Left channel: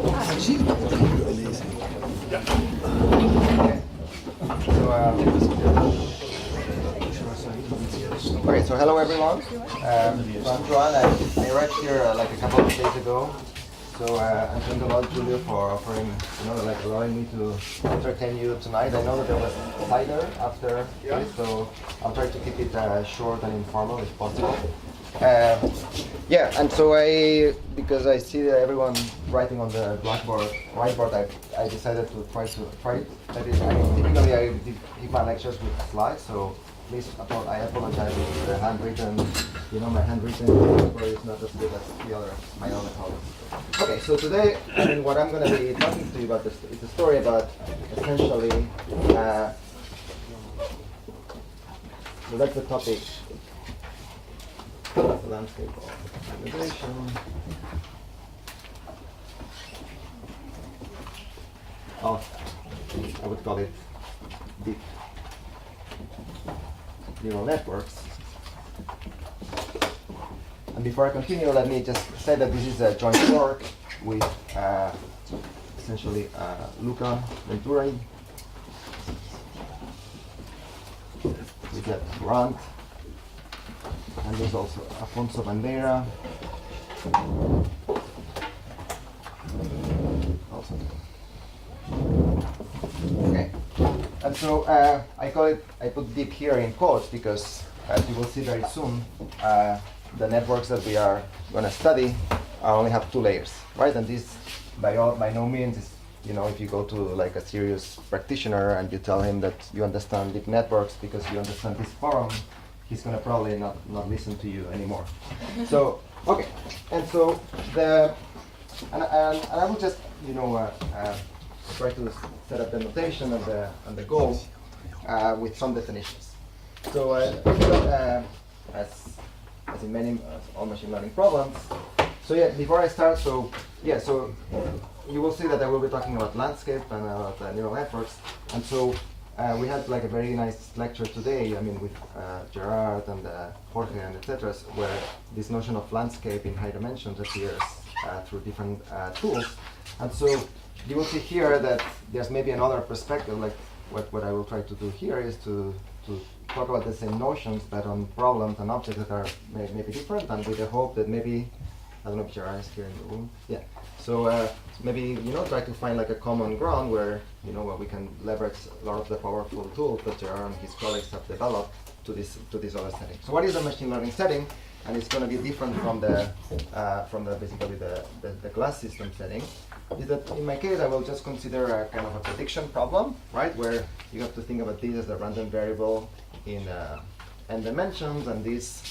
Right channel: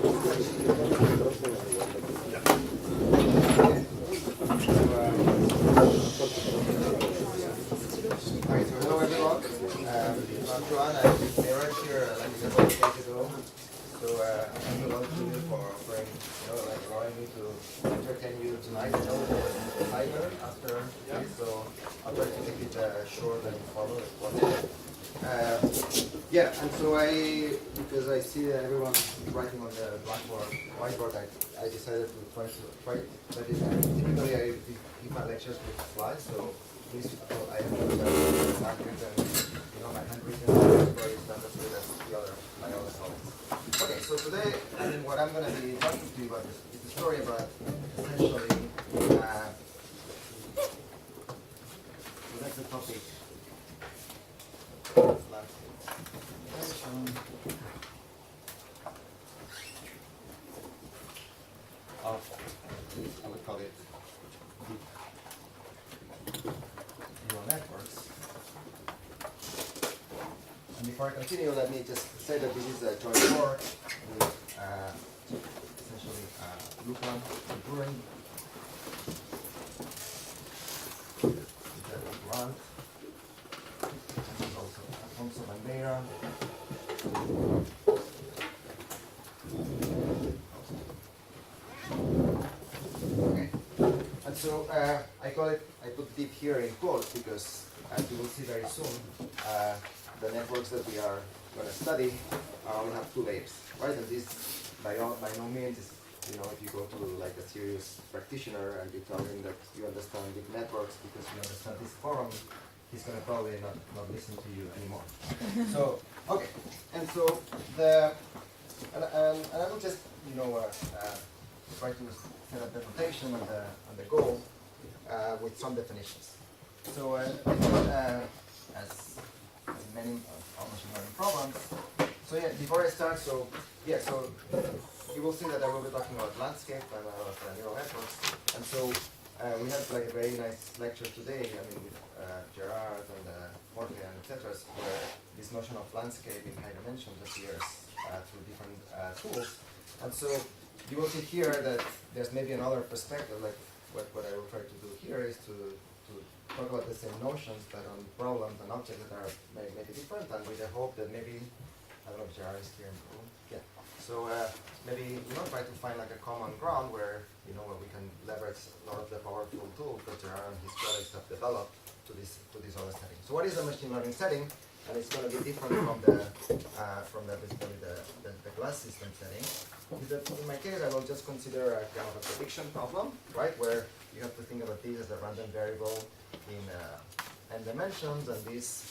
Okay, so hello everyone. I'm Joan. I arrived here like a couple of days ago. So I thank a lot, Julio, for offering, like allowing me to entertain you tonight. I know that there was a tiger after this, so I'll try to keep it short and informal if possible. Yeah, and so because I see that everyone writing on the whiteboard, I decided to try it. That is, typically I give my lectures with slides, so please, I apologize for the handwritten, my handwritten paper is not as good as my other colleagues. Okay, so today, what I'm going to be talking to you about is a story about essentially, so that's the topic. That's the landscape of innovation. I would call it deep neural networks. And before I continue, let me just say that this is a joint work with essentially Luca Venturi, with that grant, and there's also Afonso Bandeira. Okay, and so I put deep here in quotes because, as you will see very soon, the networks that we are going to study only have 2 layers, right? And this, by no means, is, if you go to like a serious practitioner and you tell him that you understand deep networks because you understand this forum, he's going to probably not listen to you anymore. So, okay, and so and I will just, try to set up the notation and the goal with some definitions. So, as in many all machine learning problems. So yeah, before I start, so you will see that I will be talking about landscape and about neural networks. And so we had like a very nice lecture today, with Gerard and Jorge and etc., where this notion of landscape in high dimensions appears through different tools. And so you will see here that there's maybe another perspective, like what I will try to do here is to talk about the same notions, but on problems and objects that are maybe different, and with the hope that maybe, I don't know if Gerard is here in the room. Yeah. So maybe try to find like a common ground where where we can leverage a lot of the powerful tools that Gerard and his colleagues have developed to this other setting. So what is a machine learning setting? And it's going to be different from the basically the class system setting. Is that in my case I will just consider a kind of a prediction problem, right? Where you have to think about this as a random variable in n dimensions, and this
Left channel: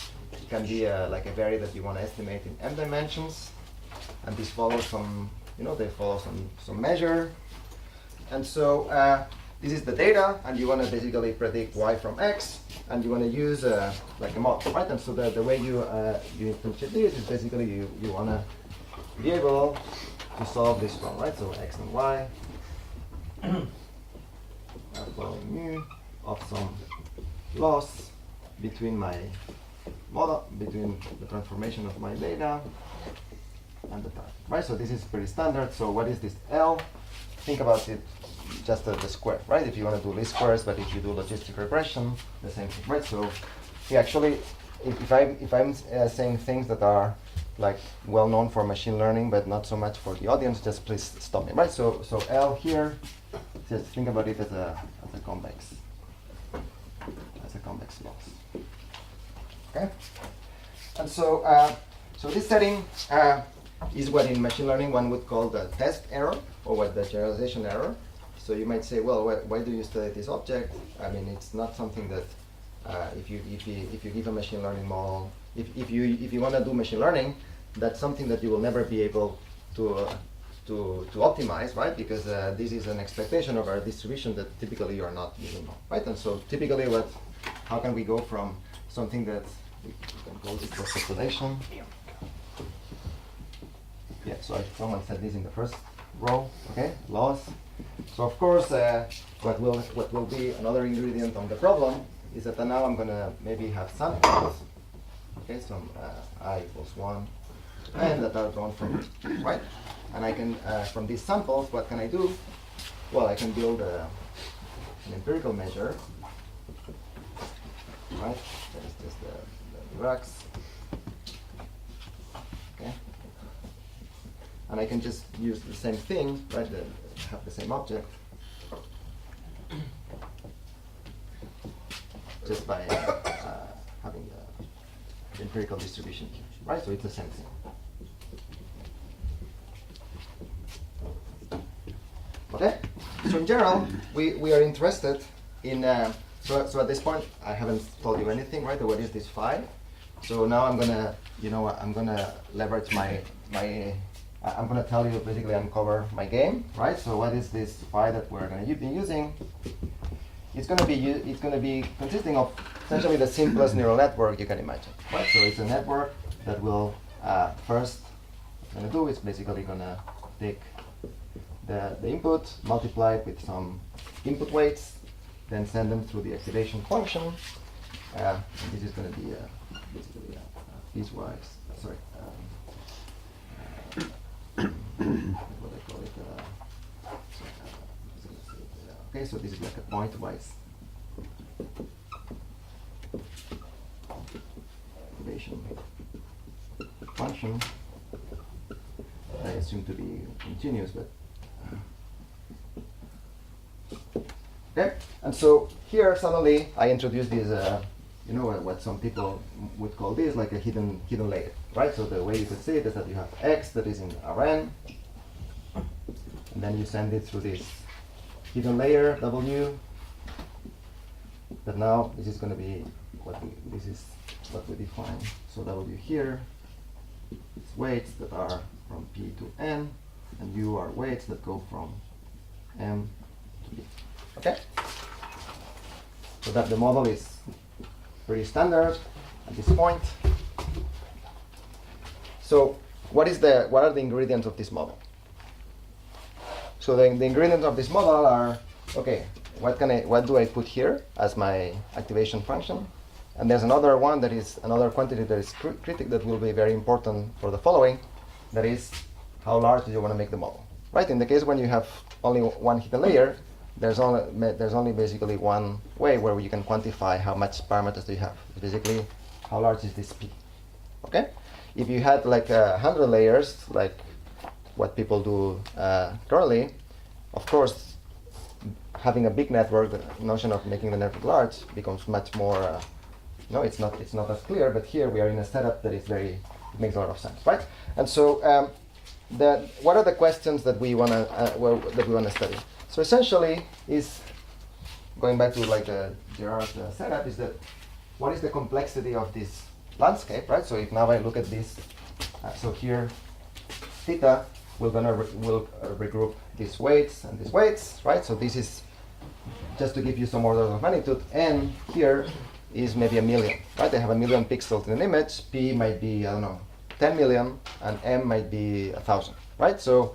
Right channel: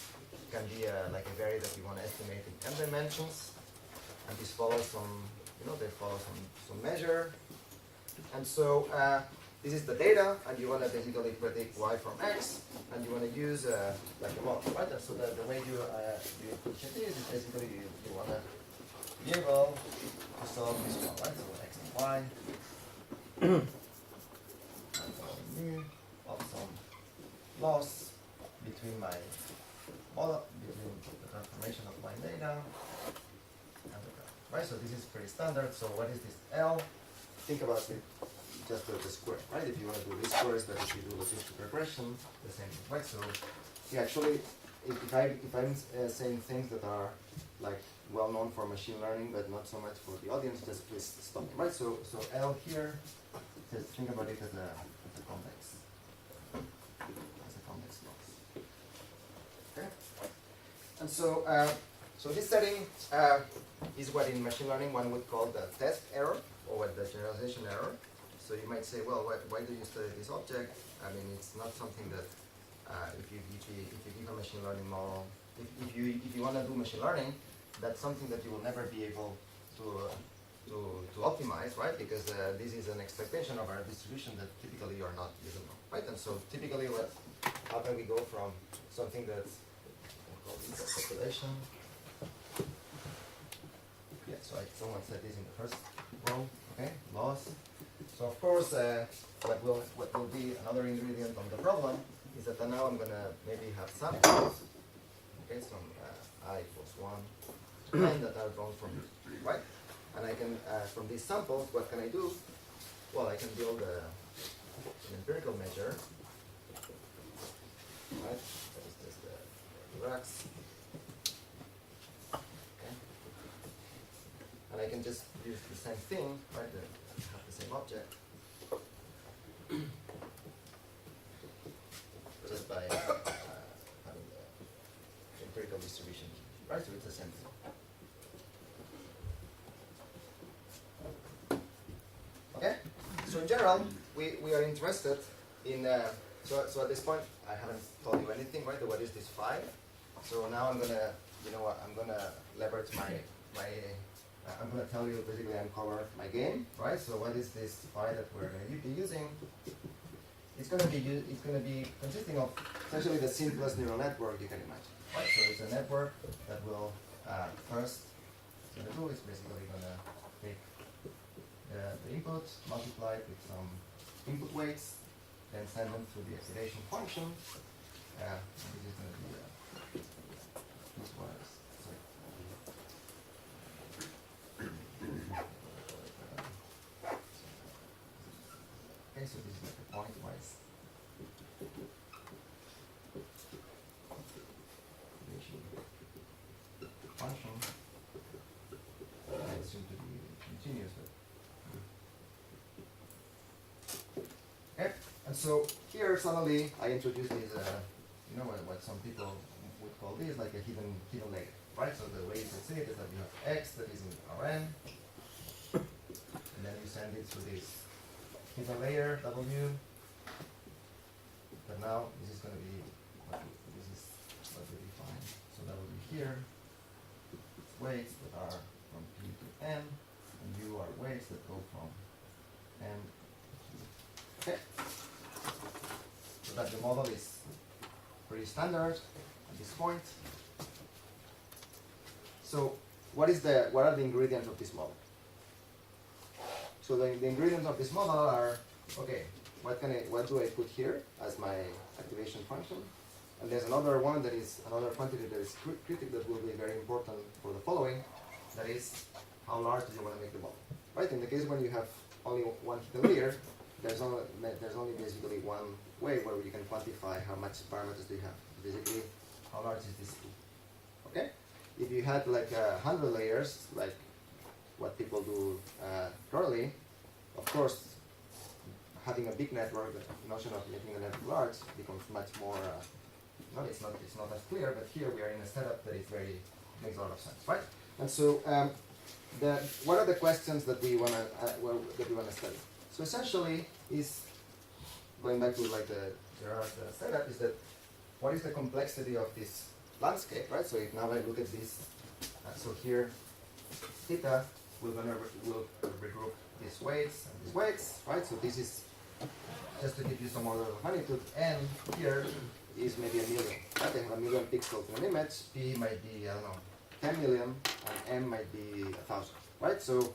can be like a variable that you want to estimate in m dimensions, and this follows some, they follow some measure, and so this is the data, and you want to basically predict y from x, and you want to use like a model, right? And so the way you instantiate this is basically you want to be able to solve this problem, right? So x and y for mu of some loss between my model, between the transformation of my data and the time, right? So this is pretty standard. So what is this L? Think about it just as the square, right? If you want to do least squares, but if you do logistic regression, the same thing, right? So actually, if I'm saying things that are like well known for machine learning, but not so much for the audience, just please stop me, right? So L here, just think about it as a convex loss. Okay, and so this setting is what in machine learning one would call the test error, or what the generalization error. So you might say, well, why do you study this object? It's not something that if you give a machine learning model, if you want to do machine learning, that's something that you will never be able to optimize, right? Because this is an expectation of our distribution that typically you don't know, right? And so typically, how can we go from something that we can call it population? Yeah, so someone said this in the first row, okay, loss. So of course, what will be another ingredient on the problem is that now I'm gonna maybe have samples, okay, some I equals 1, and that are drawn from, right? And I can, from these samples, what can I do? Well, I can build an empirical measure, right? That is just the rux. Okay. And I can just use the same thing, right? Have the same object, just by having the empirical distribution, right? So it's the same thing. Okay. So in general, we are interested in. So at this point, I haven't told you anything, right? What is this phi? So now I'm gonna, I'm gonna leverage my. I'm gonna tell you basically uncover my game, right? So what is this phi that we're gonna be using? It's gonna be consisting of essentially the simplest neural network you can imagine, right? So it's a network that will first gonna do is basically gonna take the input, multiply it with some input weights, then send them through the activation function. This is going to be piecewise. Sorry. What do I call it? Okay, so this is like a pointwise activation function. I assume to be continuous, but okay. And so here suddenly I introduce this, what some people would call this like a hidden layer, right? So the way you could see it is that you have X that is in Rn, and then you send it through this hidden layer W. That now this is going to be what we define. So W here, it's weights that are from P to N, and U are weights that go from M to U. Okay? So that the model is pretty standard at this point. So what are the ingredients of this model? So the ingredients of this model are, okay, what do I put here as my activation function? And there's another one that is another quantity that is critic that will be very important for the following. That is, how large do you want to make the model? Right? In the case when you have only one hidden layer, there's only basically one way where you can quantify how much parameters do you have. It's basically, how large is this P? Okay? If you had like 100 layers, like what people do currently, of course, having a big network, the notion of making the network large becomes much more. It's not as clear. But here we are in a setup that is it makes a lot of sense, right? And so, what are the questions that we wanna study? So essentially, is going back to like the Gerard setup, is that what is the complexity of this landscape, right? So if now I look at this, so here, theta, we'll regroup these weights and these weights, right? So this is just to give you some order of magnitude. N here is maybe 1 million, right? They have 1 million pixels in an image. P might be 10 million, and M might be 1,000, right? So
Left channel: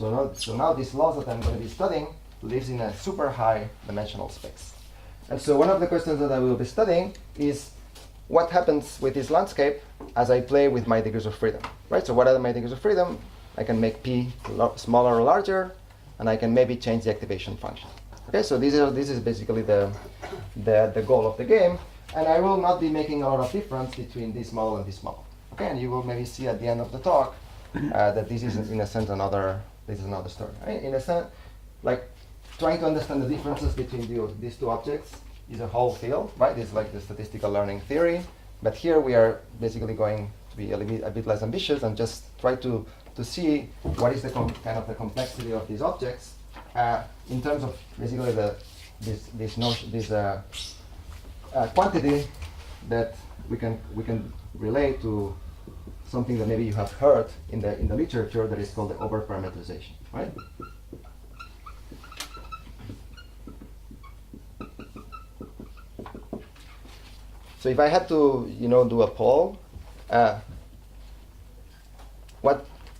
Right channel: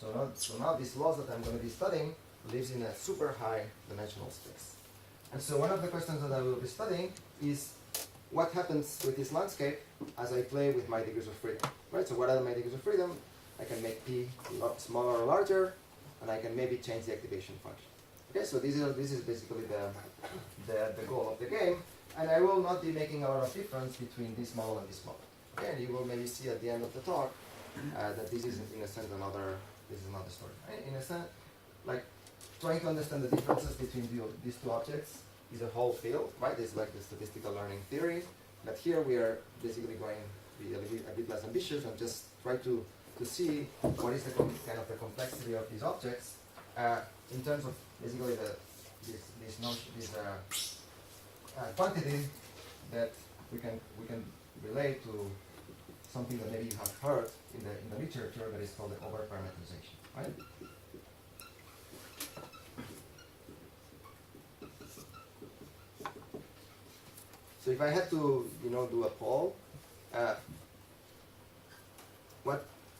now this loss that I'm going to be studying lives in a super high dimensional space. And so one of the questions that I will be studying is what happens with this landscape as I play with my degrees of freedom, right? So what are my degrees of freedom? I can make P smaller or larger, and I can maybe change the activation function. Okay, so this is basically the goal of the game, and I will not be making a lot of difference between this model and this model. Okay, and you will maybe see at the end of the talk that this is in a sense another story. Right? In a sense, like trying to understand the differences between these two objects is a whole field, right? It's like the statistical learning theory, but here we are basically going to be a bit less ambitious and just try to see what is the kind of the complexity of these objects in terms of basically this quantity that we can relate to something that maybe you have heard in the literature that is called the overparameterization, right? So if I had to, do a poll,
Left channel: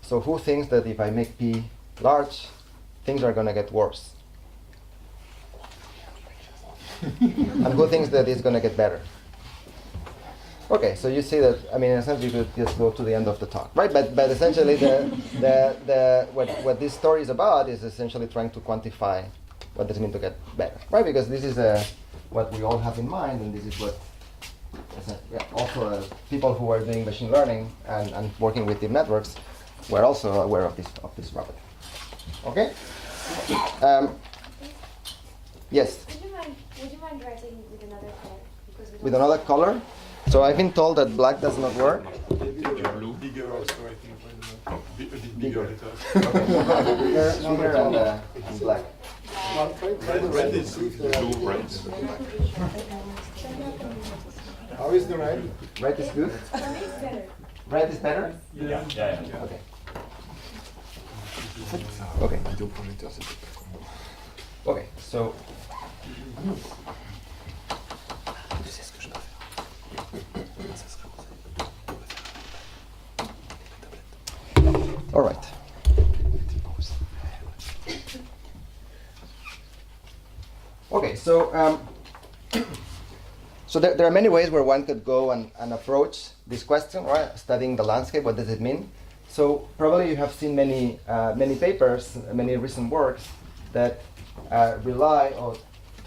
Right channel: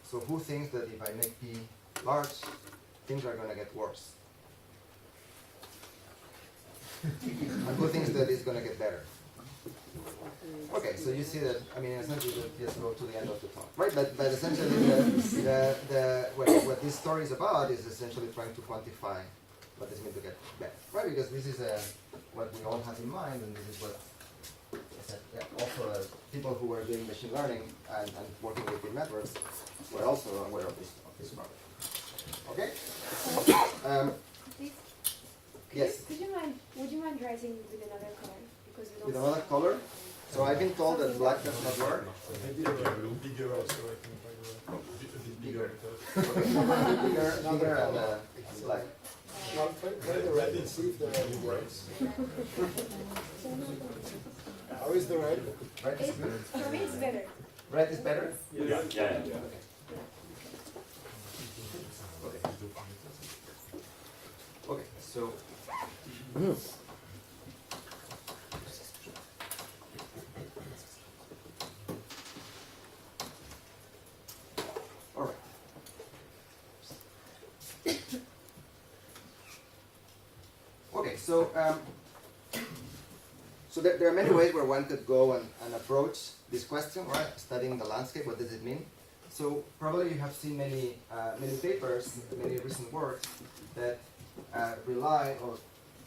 so who thinks that if I make P large, things are going to get worse? And who thinks that it's going to get better? Okay, so you see that, I mean, in a sense, you could just go to the end of the talk, right? But essentially, what this story is about is essentially trying to quantify what does it mean to get better, right? Because this is what we all have in mind, and this is what also people who are doing machine learning and working with deep networks were also aware of this property. Okay? Yes? Would you mind writing with another color? Because we With don't another see color? So I've been told that black does not work. Bigger also, I think, by the way. A bit bigger. Bigger and black. Red is blue, right? How is the red? Red is good? It's better. Red is better? Yeah. Okay. Okay. Okay, so all right. Okay, so so there are many ways where one could go and approach this question, right? Studying the landscape, what does it mean? So probably you have seen many papers, many recent works that rely or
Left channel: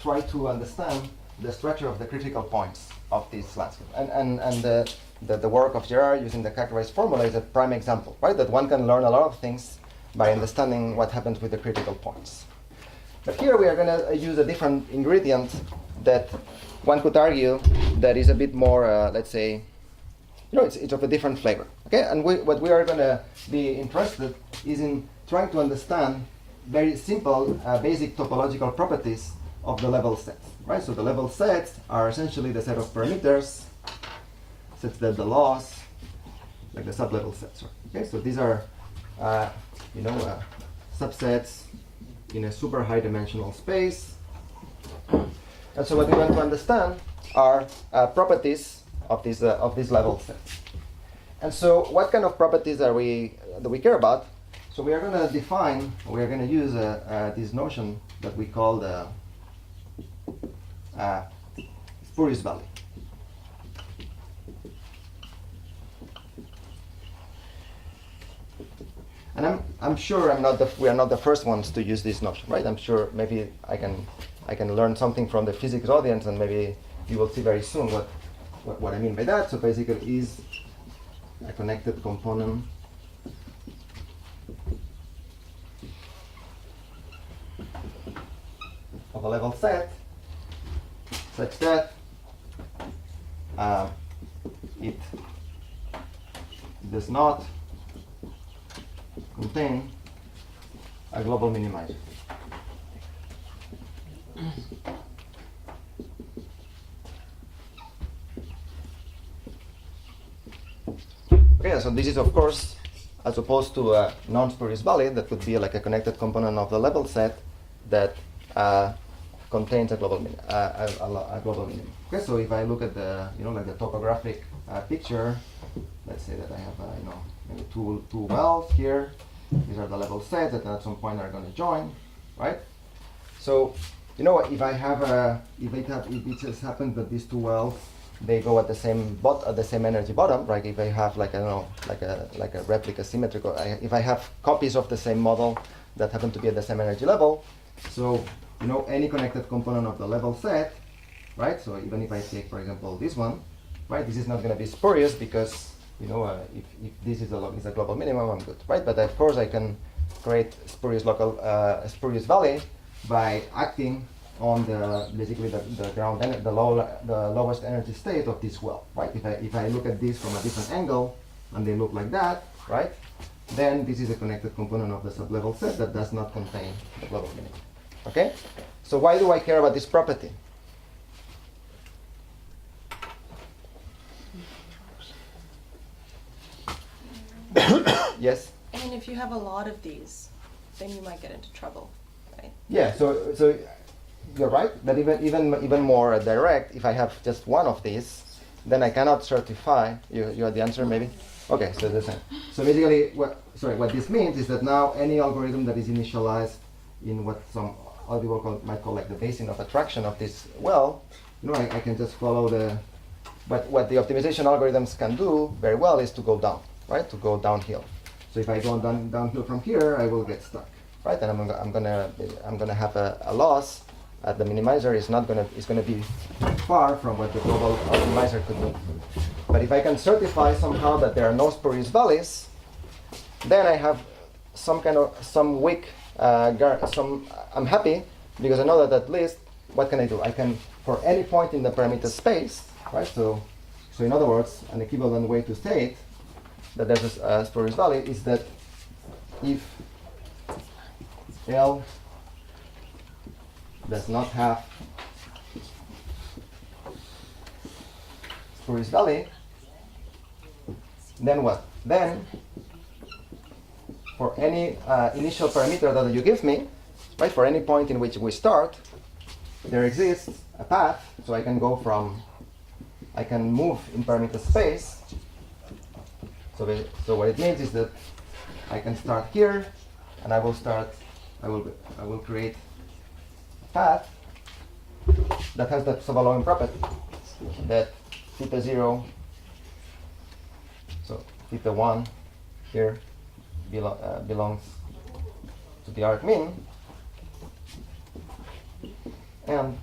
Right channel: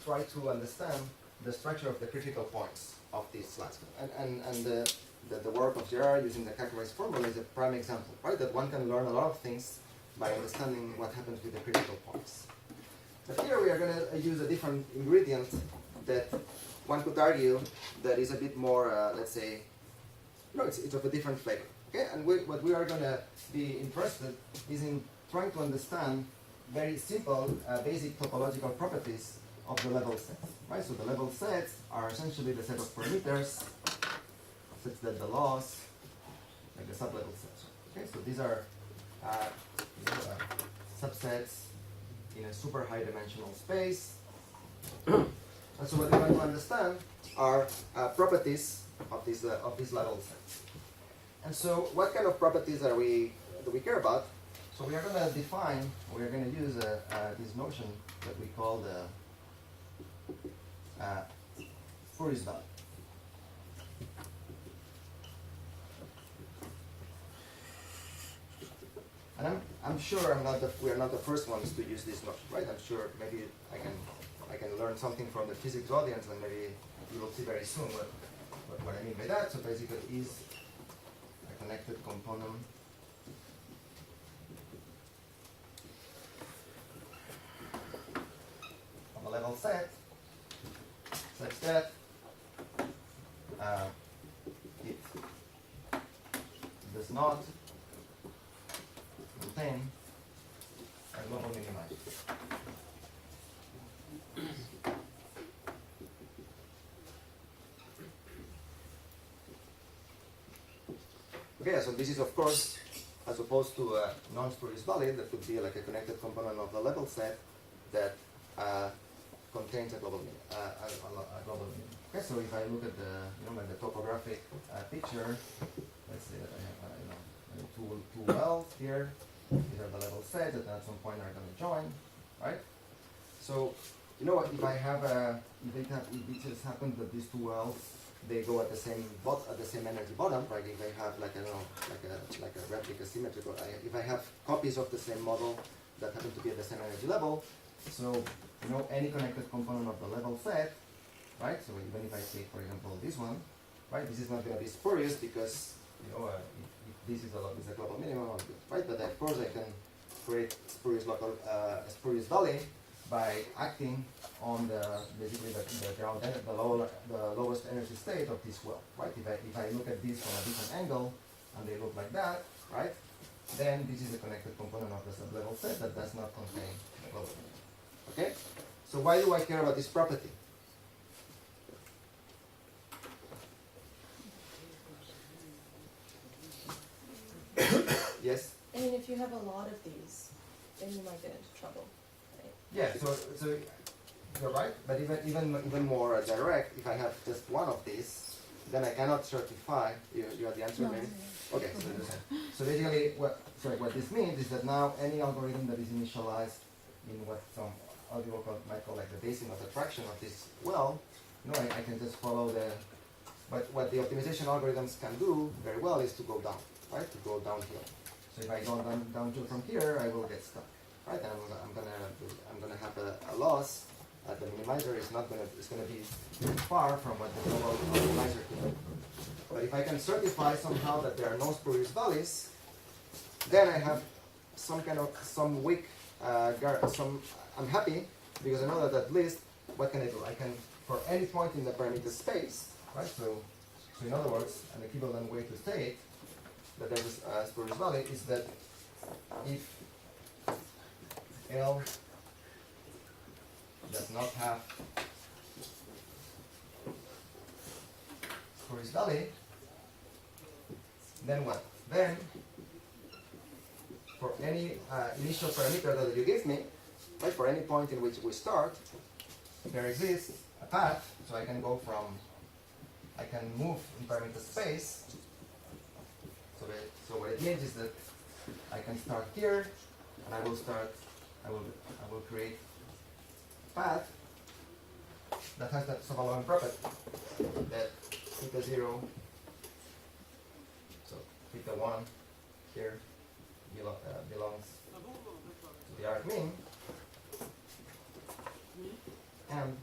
try to understand the structure of the critical points of this landscape. And the work of Gerard using the characterized formula is a prime example, right? That one can learn a lot of things by understanding what happens with the critical points. But here we are going to use a different ingredient that one could argue that is a bit more, let's say, it's of a different flavor. Okay, and what we are going to be interested is in trying to understand very simple, basic topological properties of the level sets. Right. So the level sets are essentially the set of parameters, such that the laws, like the sublevel sets. Right? Okay. So these are, subsets in a super high dimensional space. And so what we want to understand are properties of these level sets. And so what kind of properties that we care about? So we are going to define, we are going to use this notion that we call the spurious value. And I'm sure we are not the first ones to use this notion, right? I'm sure maybe I can learn something from the physics audience, and maybe you will see very soon what I mean by that. So basically, is a connected component of a level set such that it does not contain a global minimizer. Okay, so this is of course, as opposed to a non-spurious value that could be like a connected component of the level set that contains a global minimum. Okay, so if I look at the like the topographic picture, let's say that I have maybe two wells here. These are the level sets that at some point are going to join, right? So if it just happens that these two wells they go at the same energy bottom, right? If I have like a replica symmetrical, if I have copies of the same model that happen to be at the same energy level, so any connected component of the level set, right? So even if I take, for example, this one, right? This is not going to be spurious because if this is a global minimum, I'm good, right? But of course I can create spurious valley by acting on basically the ground the lowest energy state of this well, right? If I look at this from a different angle and they look like that, right? Then this is a connected component of the sublevel set that does not contain the global minimum. Okay? So why do I care about this property? Yes? I mean, if you have a lot of these, then you might get into trouble, right? Yeah, so you're right, but even more direct, if I have just one of these, then I cannot certify. You had the answer, maybe? Okay, so the same. So basically, what this means is that now any algorithm that is initialized in what some other people might call like the basin of attraction of this well, I can just follow But what the optimization algorithms can do very well is to go down, right? To go downhill. So if I go downhill from here, I will get stuck, right? And I'm gonna have a loss. The minimizer is gonna be far from what the global optimizer could do. But if I can certify somehow that there are no spurious valleys, then I have some weak I'm happy because I know that at least what can I do? I can, for any point in the parameter space, right? So in other words, an equivalent way to state that there's a spurious valley is that if L does not have spurious valley, then what? Then for any initial parameter that you give me, right, for any point in which we start, there exists a path, so I can move in parameter space. So what it means is that I can start here, and I will create a path that has the subaloing property that theta 0, so theta 1 here belongs to the arc mean, and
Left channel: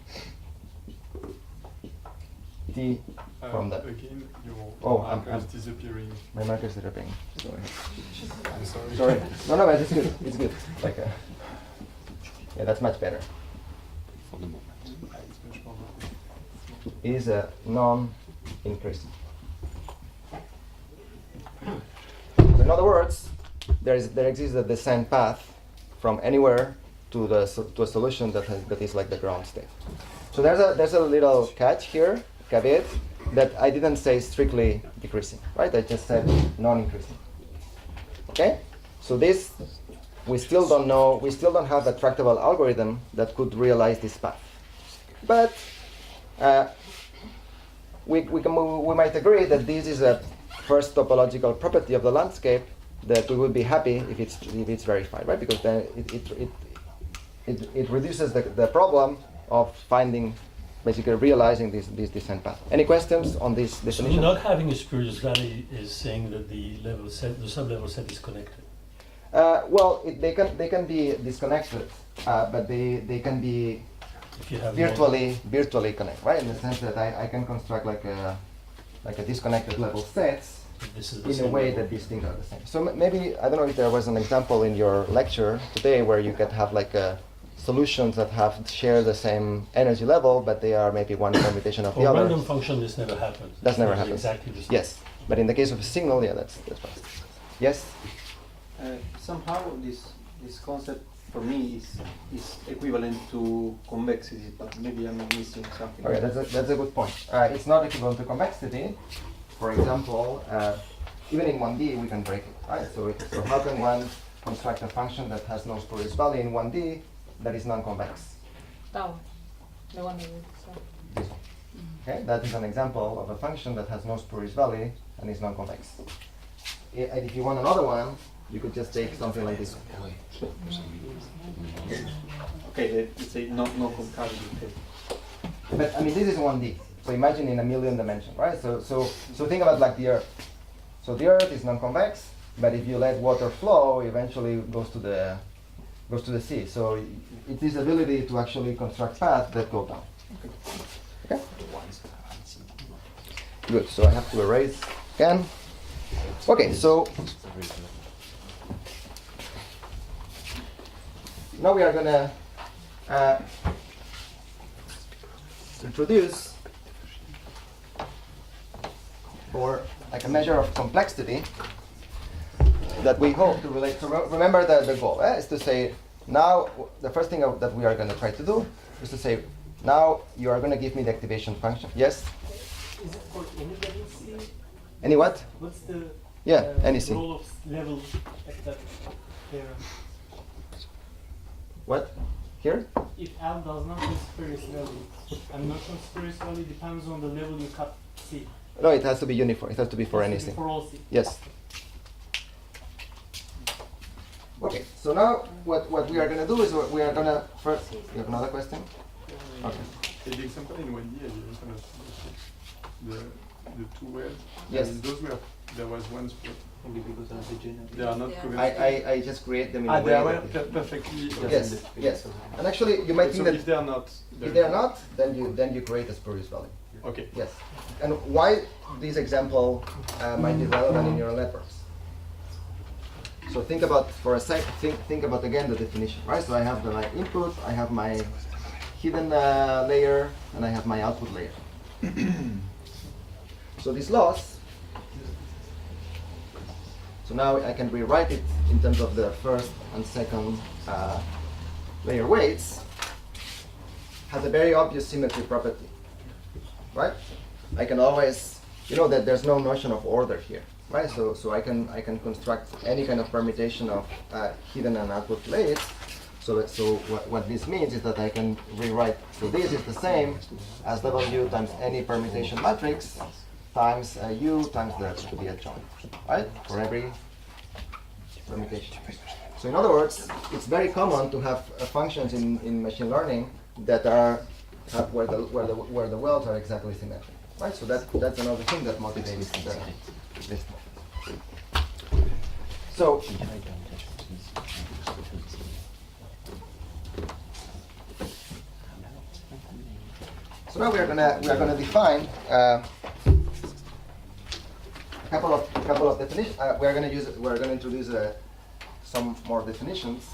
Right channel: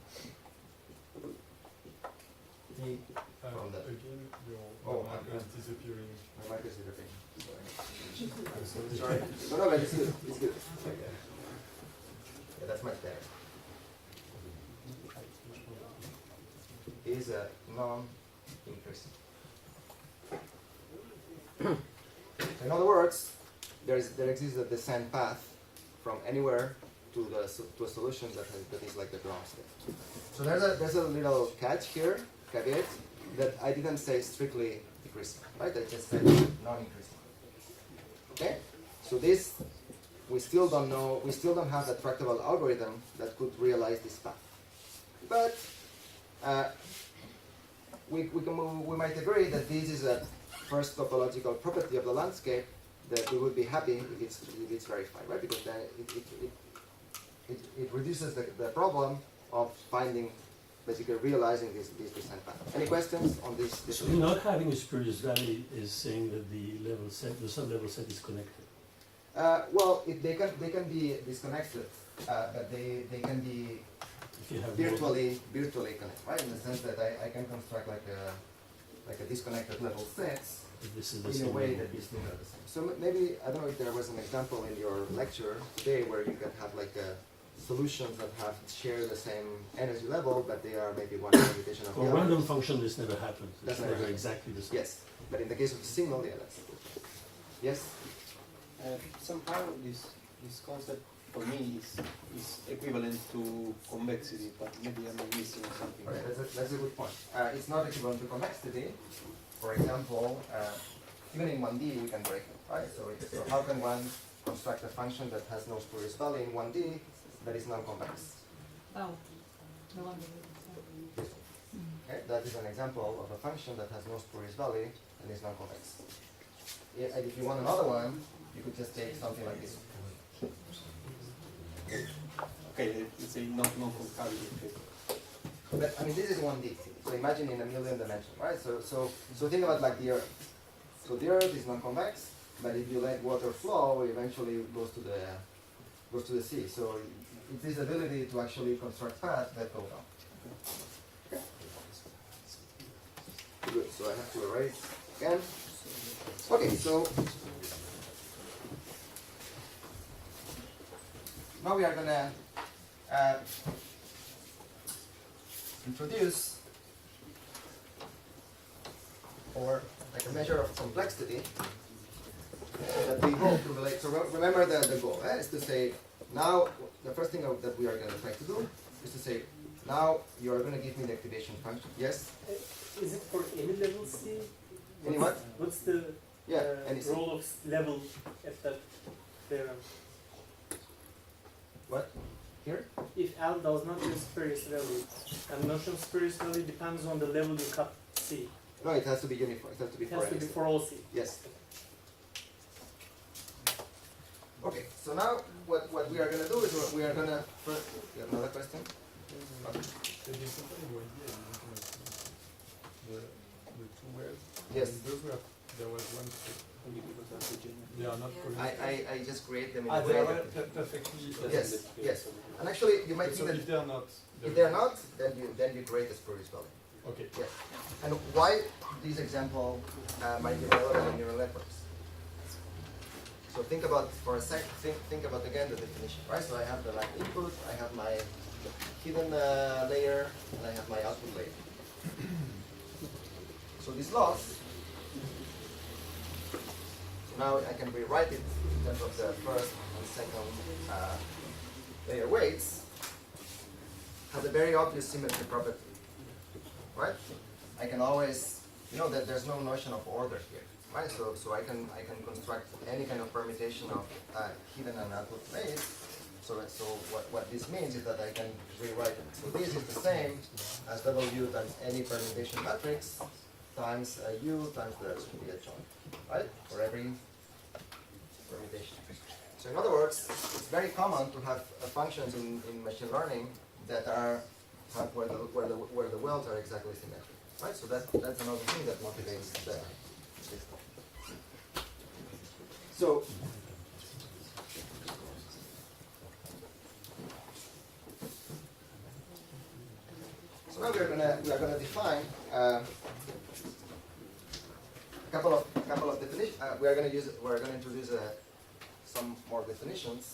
t from that. Again, Oh, your marker is disappearing. My marker is disappearing. Sorry. I'm sorry. Sorry. No, but it's good. It's good. Like, yeah, that's much better. It is a non-increasing. In other words, there exists a descent path from anywhere to a solution that is like the ground state. So there's a little catch here, caveat, that I didn't say strictly decreasing, right? I just said non-increasing. Okay? So this, we still don't know, we still don't have a tractable algorithm that could realize this path. But we might agree that this is a first topological property of the landscape that we would be happy if it's verified, right? Because then it reduces the problem of finding, basically realizing this descent path. Any questions on this definition? So not having a spurious valley is saying that the sublevel set is connected. Well, they can be disconnected, but they can be If you have virtually connected, right? In the sense that I can construct like a disconnected level sets this is the in a same way level. that these things are the same. So maybe, I don't know if there was an example in your lecture today where you could have like solutions that share the same energy level, but they are maybe one computation of For the a other. random function, this never happens. That's never It's happens. Exactly the same. Yes, but in the case of a signal, yeah, that's fast. Yes? Somehow this concept for me is equivalent to convexity, but maybe I'm missing something. Okay, that's a good point. It's not equivalent to convexity. For example, even in 1D we can break it, right? So how can one construct a function that has no spurious value in 1D that is non-convex? Down. The one that we saw. This one. Okay, that is an example of a function that has no spurious value and is non-convex. And if you want another one, you could just take something like this one. Okay, let's say no concavity. Okay. But I mean, this is 1D. So imagine in a million dimensions, right? So think about like the Earth. So the Earth is non-convex, but if you let water flow, eventually it goes to the sea. So it is ability to actually construct paths that go down. Okay. Good. So I have to erase again. Okay. So now we are gonna introduce, or like a measure of complexity that we hope to relate. So remember the goal is to say, now the first thing that we are going to try to do is to say, now you are going to give me the activation function. Yes? Is it for any level C? Any what? What's the Any C. role of level at that theorem? What? Here? If L does not have spurious value, and notion spurious value depends on the level you cut C. No, it has to be uniform. It has to be for It has to anything. be for all C. Yes. Okay, so now what we are going to do is we are going to first. You have another question? Okay. Et l'exemple in 1D, elle est the two waves. Yes. And those were, there was one split. Maybe because of the generic. They are not Yeah. covalent. I just create them in Ah, a they are way that- perfectly. Yes, yes. And actually, you might So think that if they are not, if they are not, then you create a spurious value. okay. Yes. And why this example might be relevant in neural networks? So think about for a sec. Think about again the definition, right? So I have my input, I have my hidden layer, and I have my output layer. So this loss. So now I can rewrite it in terms of the first and second layer weights. Has a very obvious symmetry property, right? I can always, you know that there's no notion of order here, right? So I can construct any kind of permutation of hidden and output layers. So what this means is that I can rewrite. So this is the same as W times any permutation matrix times U times the adjoint, right? For every permutation. So in other words, it's very common to have functions in machine learning that have where the wells are exactly symmetric, right? So that's another thing that motivates this. So now we are gonna define a couple of definitions. We're gonna introduce some more definitions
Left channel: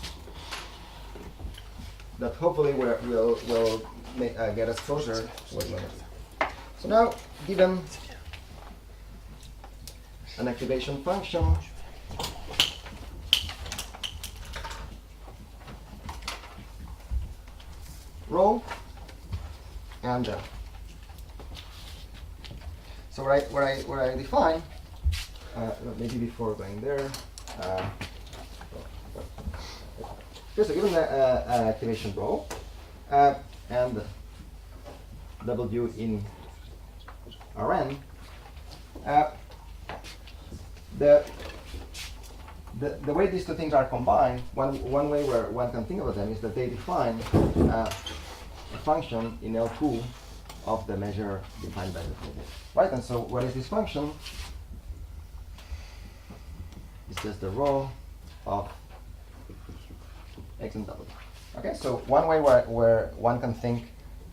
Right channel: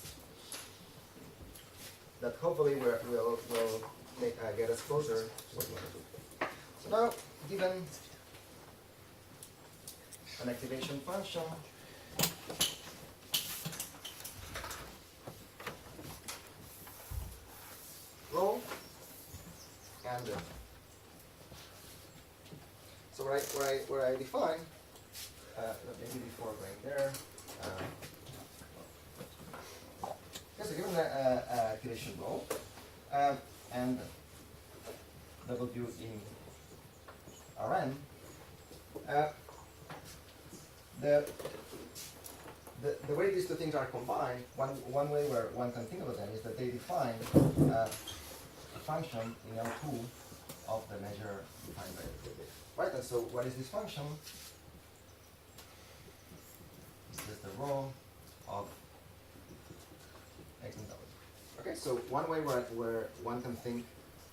that hopefully will get us closer to what we want to do. So now, given an activation function rho and so where I define maybe before going there. So given an activation rho and W in Rn, the way these two things are combined, one way where one can think about them is that they define a function in L2 of the measure defined by the predicate. Right, and so what is this function? It's just the rho of X and W. Okay, so one way where one can think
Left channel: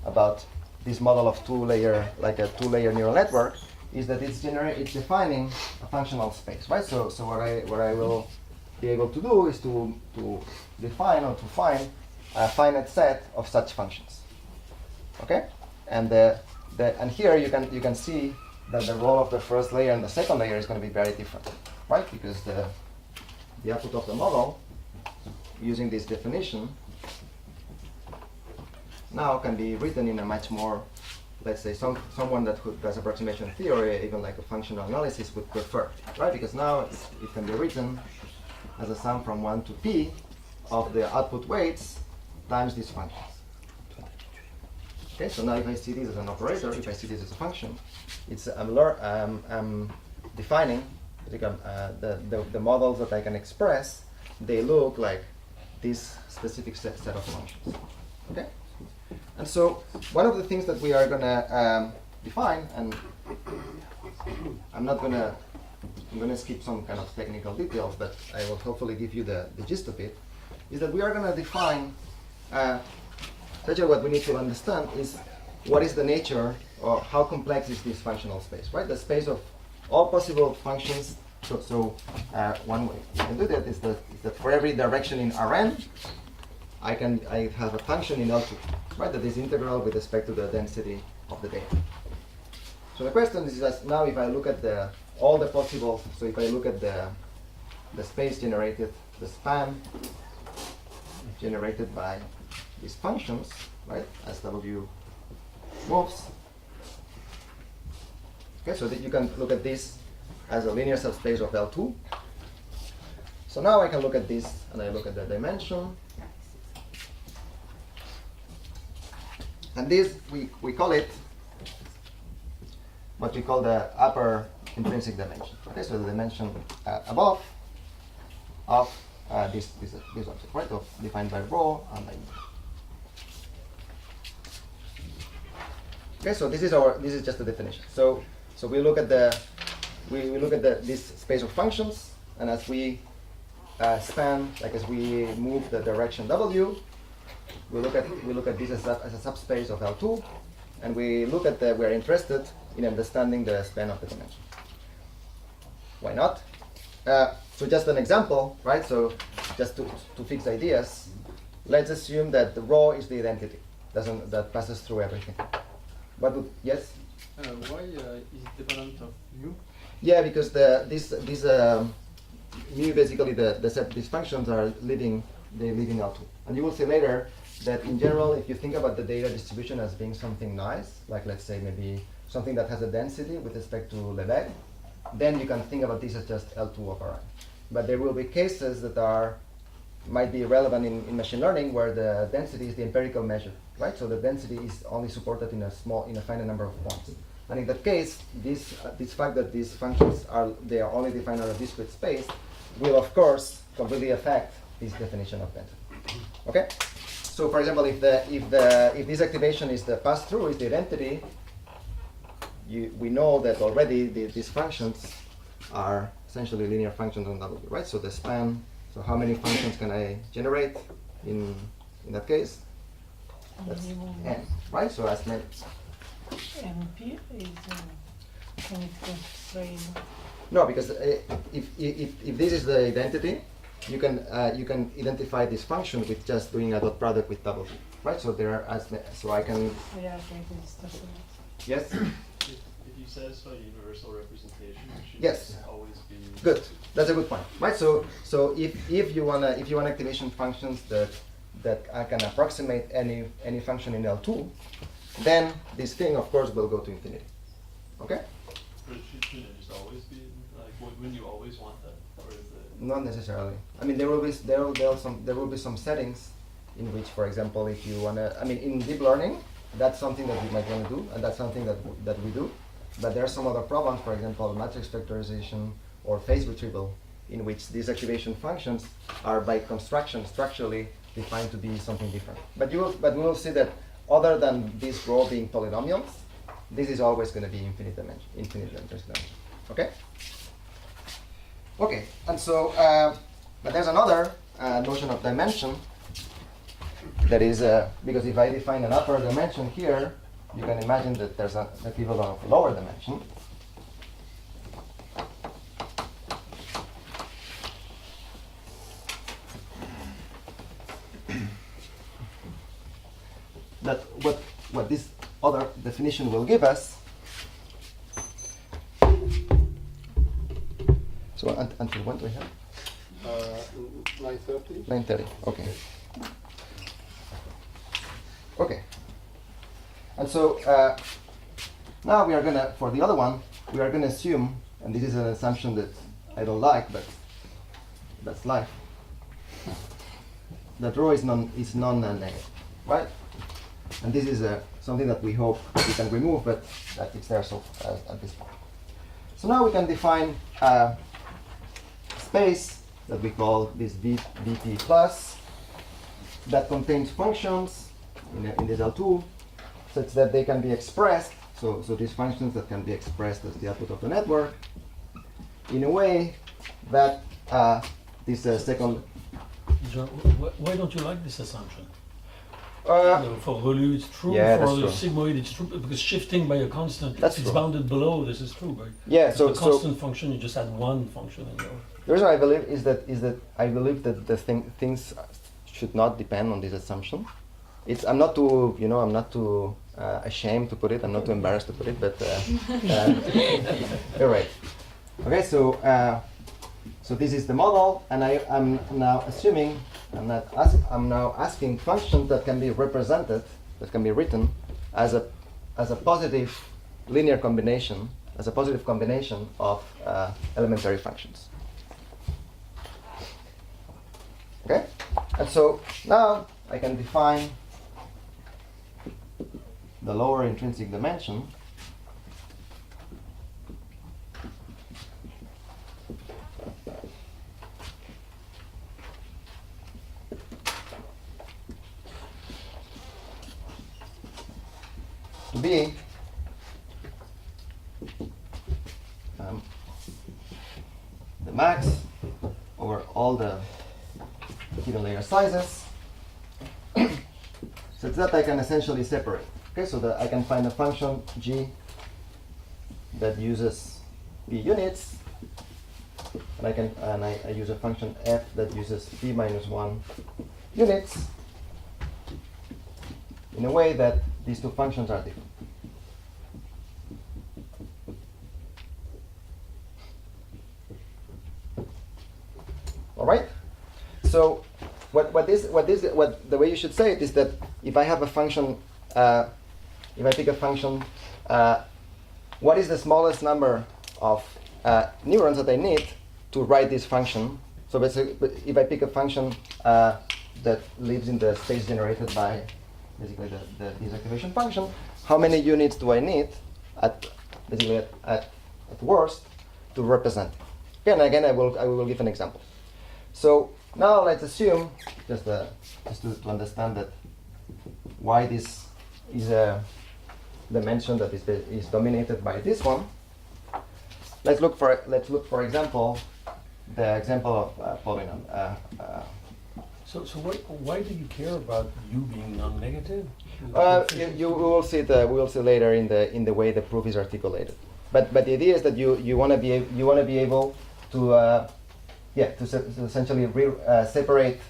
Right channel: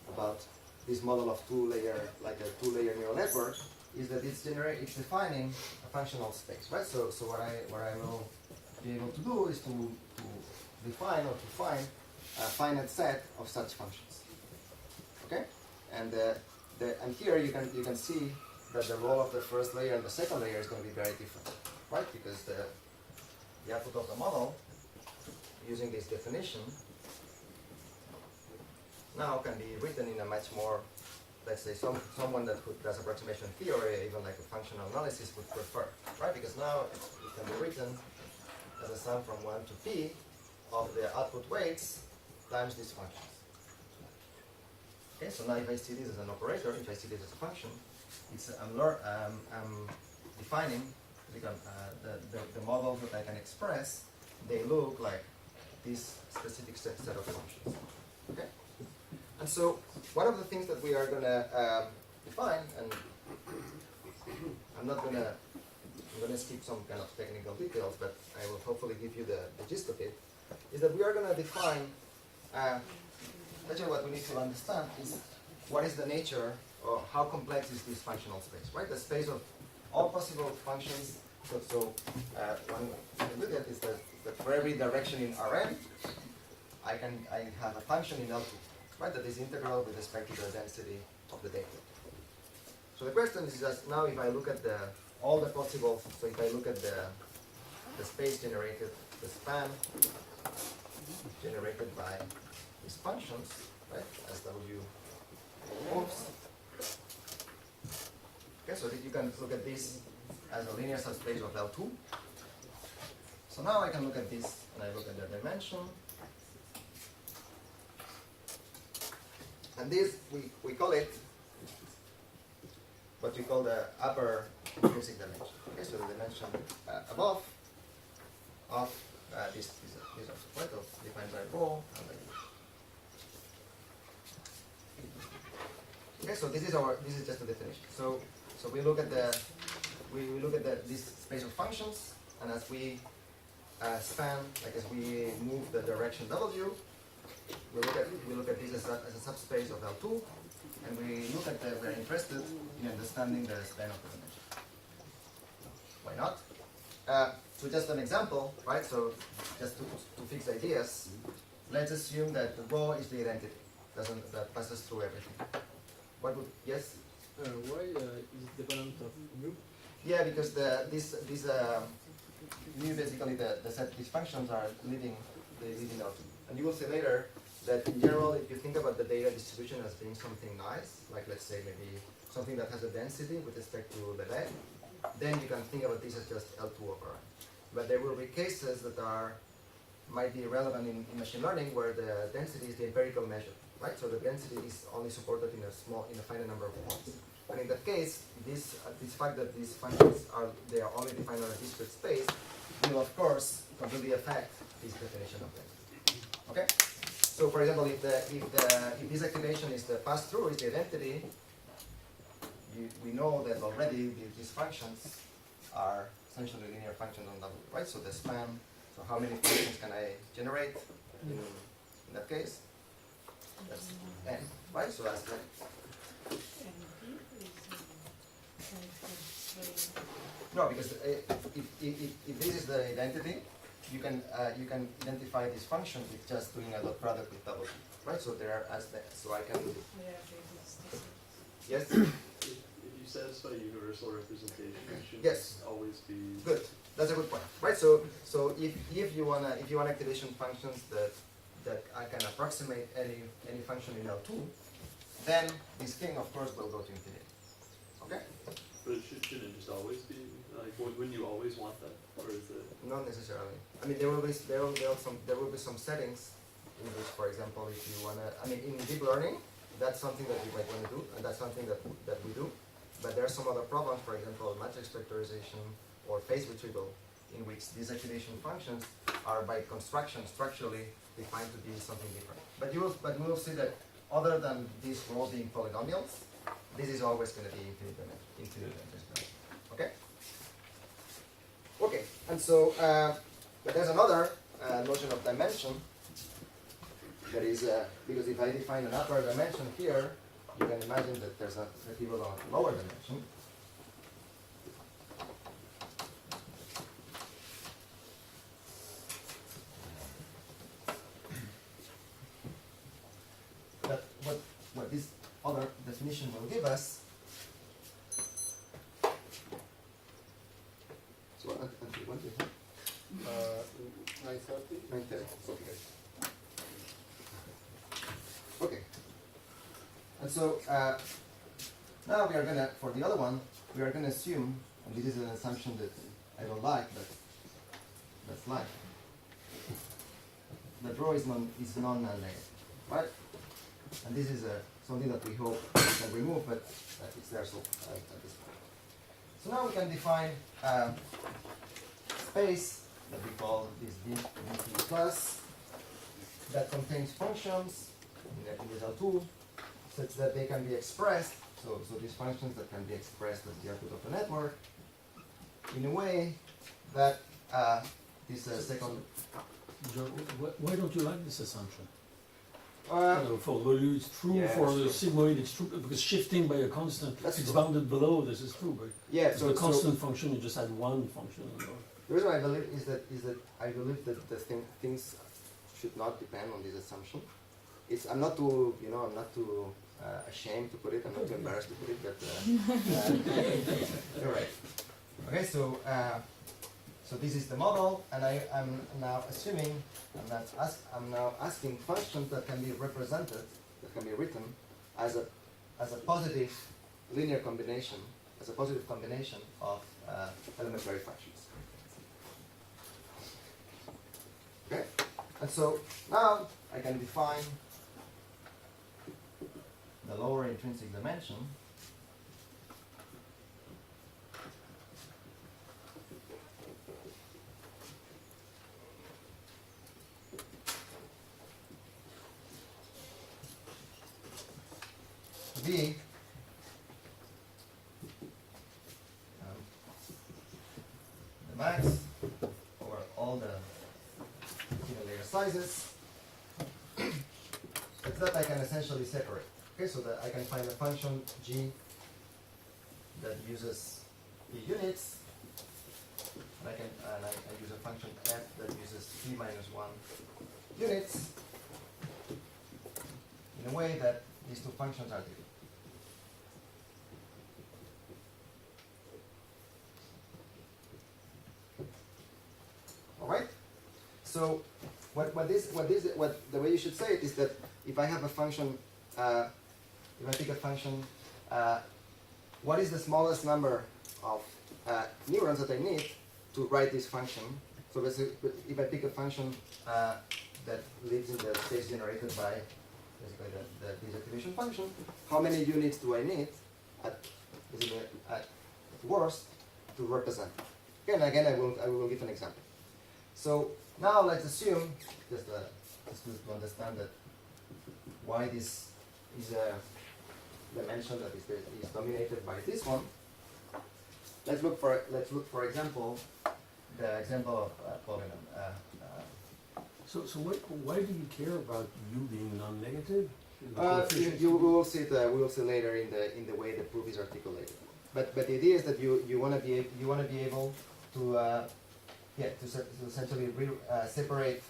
about this model of like a two-layer neural network, is that it's defining a functional space, right? So what I will be able to do is to define or to find a finite set of such functions. Okay, and and here you can see that the role of the first layer and the second layer is going to be very different, right? Because the output of the model using this definition now can be written in a much more, let's say, someone that does approximation theory, even like a functional analysis, would prefer, right? Because now it can be written as a sum from 1 to p of the output weights times these functions. Okay, so now if I see this as an operator, if I see this as a function, I'm defining the models that I can express. They look like this specific set of functions. Okay, and so one of the things that we are gonna define, and I'm gonna skip some kind of technical details, but I will hopefully give you the gist of it, is that we are gonna define. Essentially, what we need to understand is what is the nature or how complex is this functional space, right? The space of all possible functions. So one way you can do that is that for every direction in Rn, I have a function in L2, right? That is integral with respect to the density of the data. So the question is that now if I look at all the possible, so if I look at the space generated, the span generated by these functions, right, as W moves. Okay, so that you can look at this as a linear subspace of L2. So now I can look at this and I look at the dimension. And this, we call it what we call the upper intrinsic dimension. Okay, so the dimension above of this object, right, defined by rho and by u. Okay, so this is just the definition. So So we look at this space of functions, and as we span, like as we move the direction W, we look at this as a subspace of L2, and we're interested in understanding the span of the dimension. Why not? So just an example, right? So just to fix ideas, let's assume that the rho is the identity that passes through everything. What would, yes? Why is it dependent of mu? Yeah, because mu basically these functions are living L2, and you will see later that in general, if you think about the data distribution as being something nice, like let's say maybe something that has a density with respect to Lebesgue, then you can think about this as just L2 of R. But there will be cases that might be relevant in machine learning where the density is the empirical measure, right? So the density is only supported in a finite number of points. And in that case, this fact that these functions are only defined on a discrete space will of course completely affect this definition of density. Okay? So for example, if this activation is the pass-through, is the identity, we know that already these functions are essentially linear functions on W, right? So the span, so how many functions can I generate in that case? That's n, right? So as many. MP is constrained. No, because if this is the identity, you can identify this function with just doing a dot product with W, right? So there are so I can. Yeah, I think it's the same. Yes. If you satisfy universal representation, it should Yes. always be Good. That's a good point, right? So if you want activation functions that can approximate any function in L2, then this thing of course will go to infinity. Okay? But shouldn't it just always be like wouldn't you always want that, or is it? Not necessarily. I mean, there will be some settings in which, for example, if you wanna, I mean, in deep learning, that's something that we might want to do, and that's something that we do. But there are some other problems, for example, matrix factorization or phase retrieval, in which these activation functions are by construction structurally defined to be something different. But we will see that other than this rho being polynomials, this is always going to be infinite dimension. Okay? Okay, and so, but there's another notion of dimension that is, because if I define an upper dimension here, you can imagine that there's an equivalent of lower dimension. That what this other definition will give us. So until when do we have? 9:30. 9:30. Okay. Okay. And so now we are gonna, for the other one, we are gonna assume, and this is an assumption that I don't like, but that's life. That rho is non-negative, right? And this is something that we hope we can remove, but that is there so at this point. So now we can define a space that we call this VT plus that contains functions in this L2 such that they can be expressed, so these functions that can be expressed as the output of the network in a way that this second. John, why don't you like this assumption? Uh, For Relu it's true, yeah, for that's the true. sigmoid it's true, because shifting by a constant, That's it's true. bounded below, this is true, but Yeah, if so a constant function, you just add one function in there. the reason I believe is that I believe that the things should not depend on this assumption. I'm not too ashamed to put it. I'm not too embarrassed to put it, but you're right. Okay, so this is the model, and I'm now assuming I'm now asking functions that can be represented, that can be written as a positive linear combination, as a positive combination of elementary functions. Okay, and so now I can define the lower intrinsic dimension to be sizes such that I can essentially separate. Okay, so that I can find a function g that uses p units, and I use a function f that uses p minus 1 units in a way that these two functions are different. All right. So the way you should say it is that if I have a function, if I pick a function, what is the smallest number of neurons that I need to write this function? So basically, if I pick a function that lives in the space generated by basically the desactivation function, how many units do I need at worst to represent? Okay, and again, I will give an example. So now let's assume, just to understand that why this is a dimension that is dominated by this one. Let's look for example the example of polynomial. So why do you care about u being non-negative? We will see later in the way the proof is articulated. But the idea is that you want to be able to essentially separate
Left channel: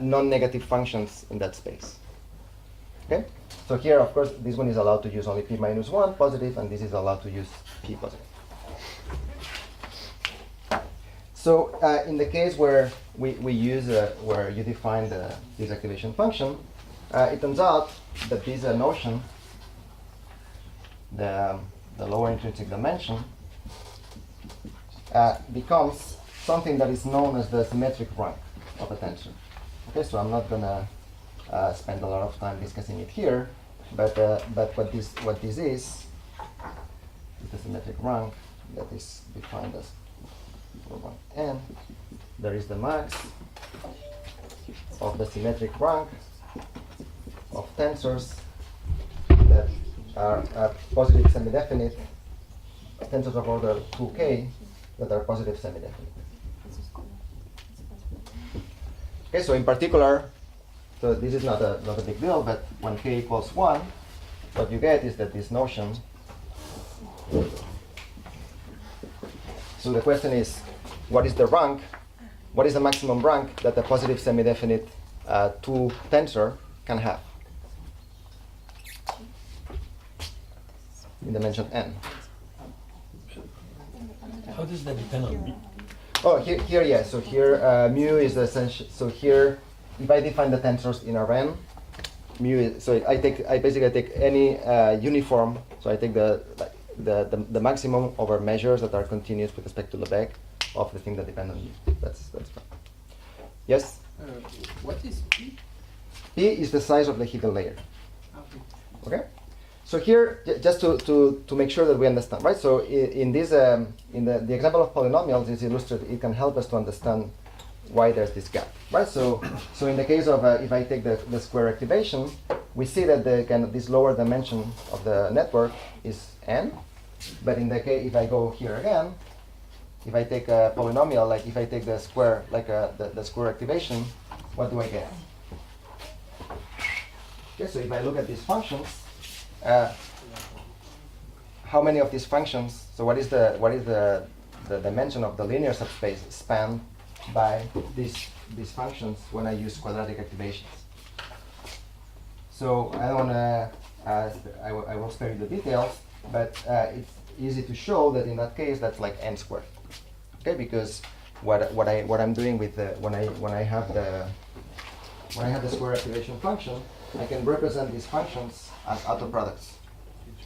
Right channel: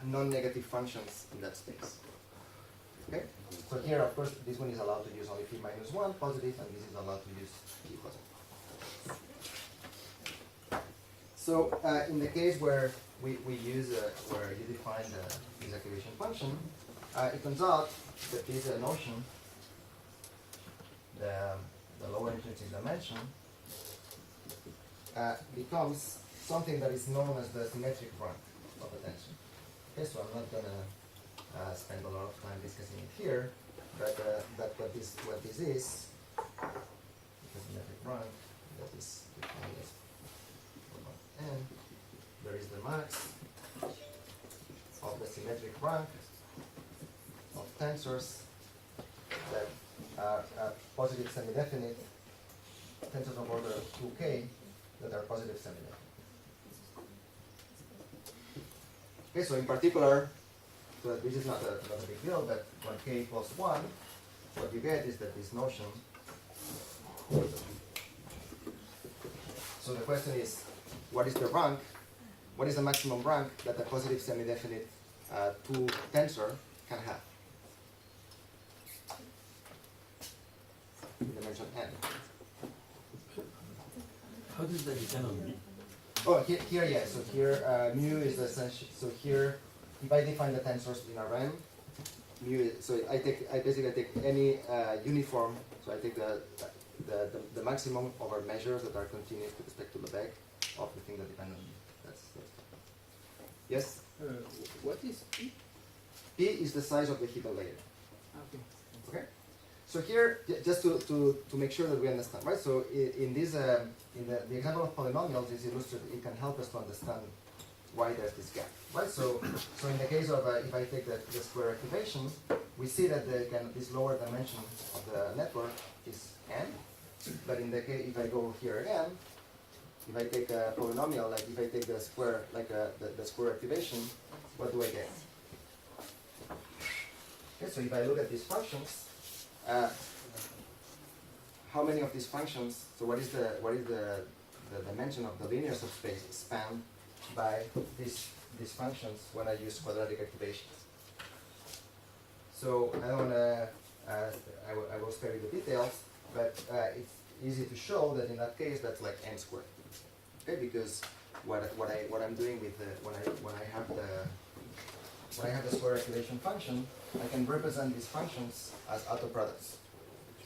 non-negative functions in that space. Okay. So here, of course, this one is allowed to use only p minus 1 positive, and this is allowed to use p positive. So in the case where we use where you define the desactivation function, it turns out that this notion, the lower intrinsic dimension, becomes something that is known as the symmetric rank of a tensor. Okay, so I'm not gonna spend a lot of time discussing it here, but what this is the symmetric rank that is defined as for one n. There is the max of the symmetric rank of tensors that are positive semi-definite, tensors of order 2k that are positive semi-definite. Okay, so in particular, so this is not a big deal, but when k equals 1, what you get is that this notion. So the question is, what is the rank? What is the maximum rank that a positive semi-definite 2 tensor can have in dimension n? How does that depend on mu? Oh, here, yeah. So here, mu is essential. So here, if I define the tensors in Rn, mu is, so I basically take any uniform. So I take the maximum over measures that are continuous with respect to Lebesgue of the thing that depend on mu. That's fine. Yes. What is P? P is the size of the hidden layer. Okay. So here, just to make sure that we understand, right? So in this, in the example of polynomials is illustrated. It can help us to understand why there's this gap, right? So in the case of if I take the square activation, we see that the kind of this lower dimension of the network is n. But in the case, if I go here again, if I take a polynomial, like if I take the square, like the square activation, what do I get? Okay, so if I look at these functions. How many of these functions? So what is the dimension of the linear subspace spanned by these functions when I use quadratic activations? So I don't want to. I will spare you the details, but it's easy to show that in that case that's like n squared. Okay, because what I'm doing with when I have the square activation function, I can represent these functions as autoproducts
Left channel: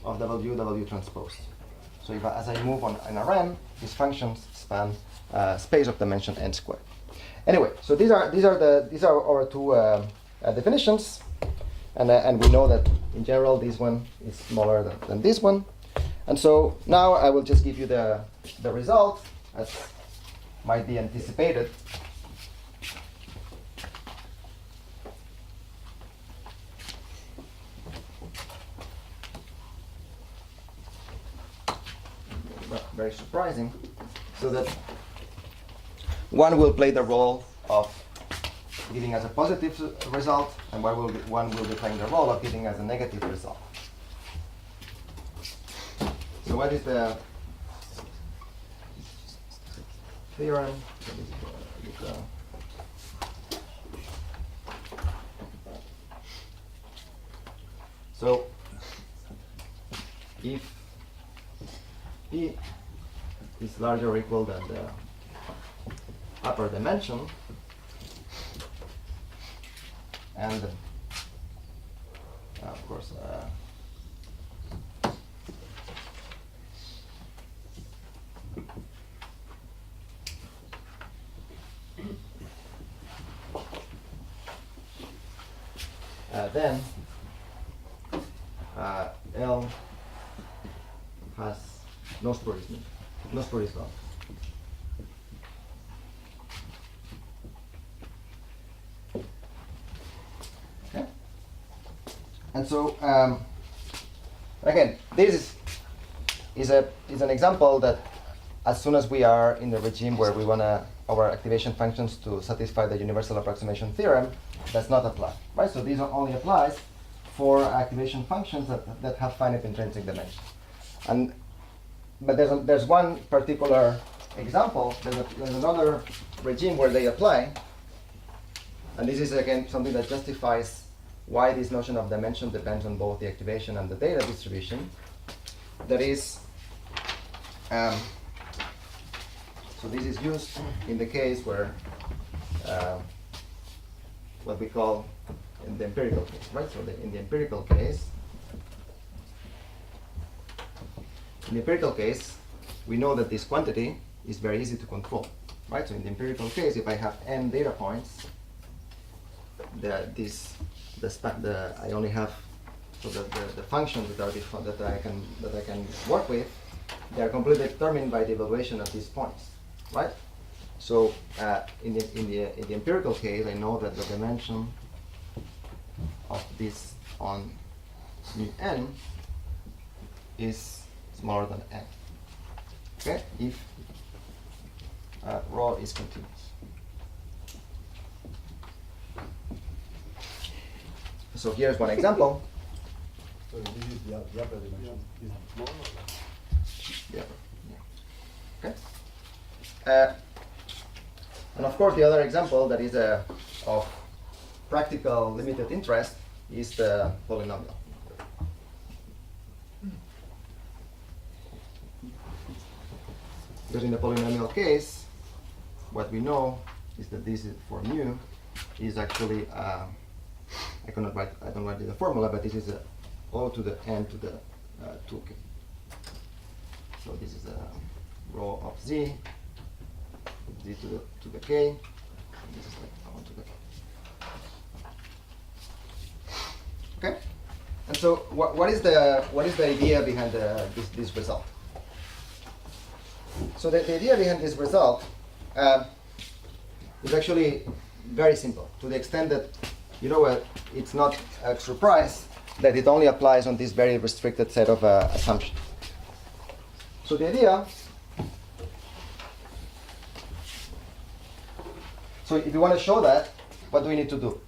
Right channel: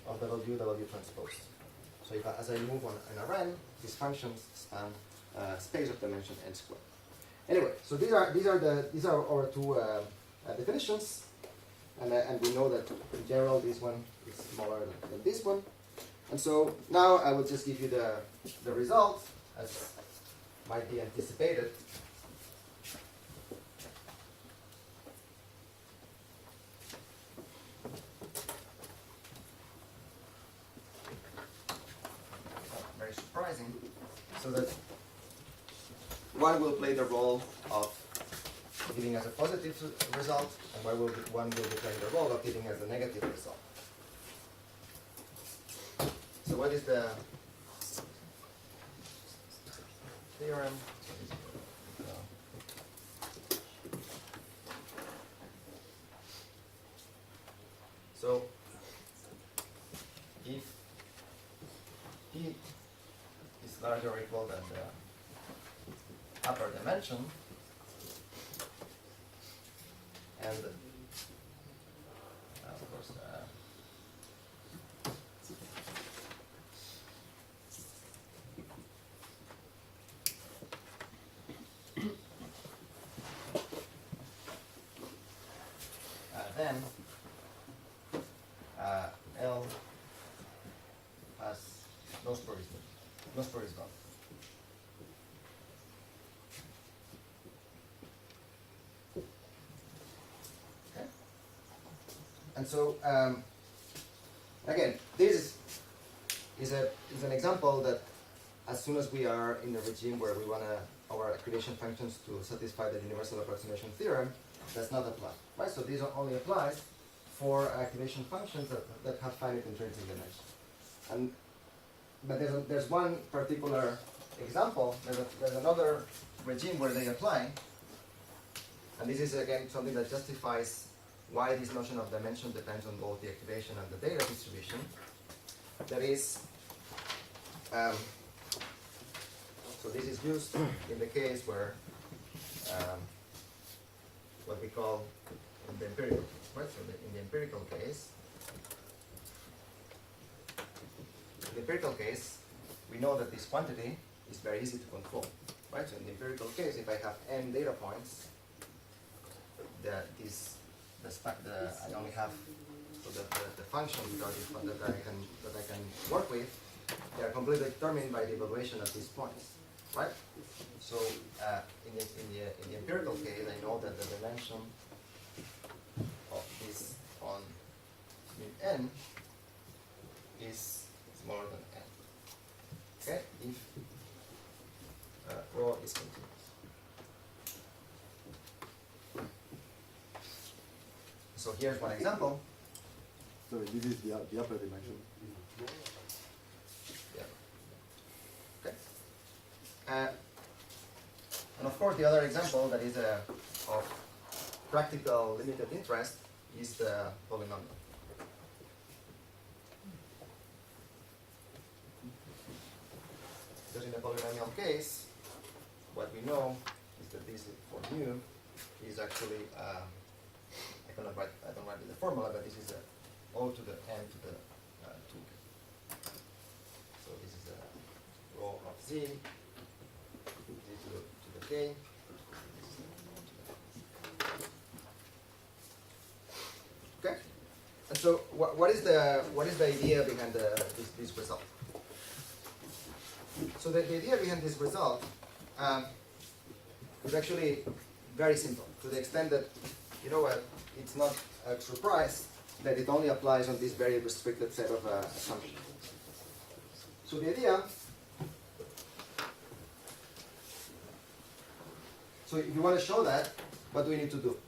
of W transpose. So as I move on in Rn, these functions span space of dimension n squared. Anyway, so these are our two definitions, and we know that in general this one is smaller than this one, and so now I will just give you the result as might be anticipated. Very surprising, so that one will play the role of giving us a positive result, and one will be playing the role of giving us a negative result. So what is the theorem? So if P is larger or equal than the upper dimension, and of course then L has no spurious bound. Okay. And so again, this is an example that as soon as we are in the regime where we want our activation functions to satisfy the universal approximation theorem, does not apply, right? So these only applies for activation functions that have finite intrinsic dimension. But there's one particular example. There's another regime where they apply, and this is again something that justifies why this notion of dimension depends on both the activation and the data distribution. That is, so this is used in the case where what we call in the empirical case, right? So in the empirical case, we know that this quantity is very easy to control, right? So in the empirical case, if I have n data points, I only have so the functions that I can work with, they are completely determined by the evaluation of these points, right? So in the empirical case, I know that the dimension of this on mu n is smaller than n. Okay, if rho is continuous. So here's one example. So this is the upper dimension. Is it smaller? Yeah. Okay. And of course, the other example that is of practical limited interest is the polynomial. Because in the polynomial case, what we know is that this is for mu is actually I don't write the formula, but this is O to the n to the 2k. So this is a rho of z to the k. This is like O to the. Okay, and so what is the idea behind this result? So the idea behind this result is actually very simple, to the extent that it's not a surprise that it only applies on this very restricted set of assumptions. So the idea, so if you want to show that, what do we need to do?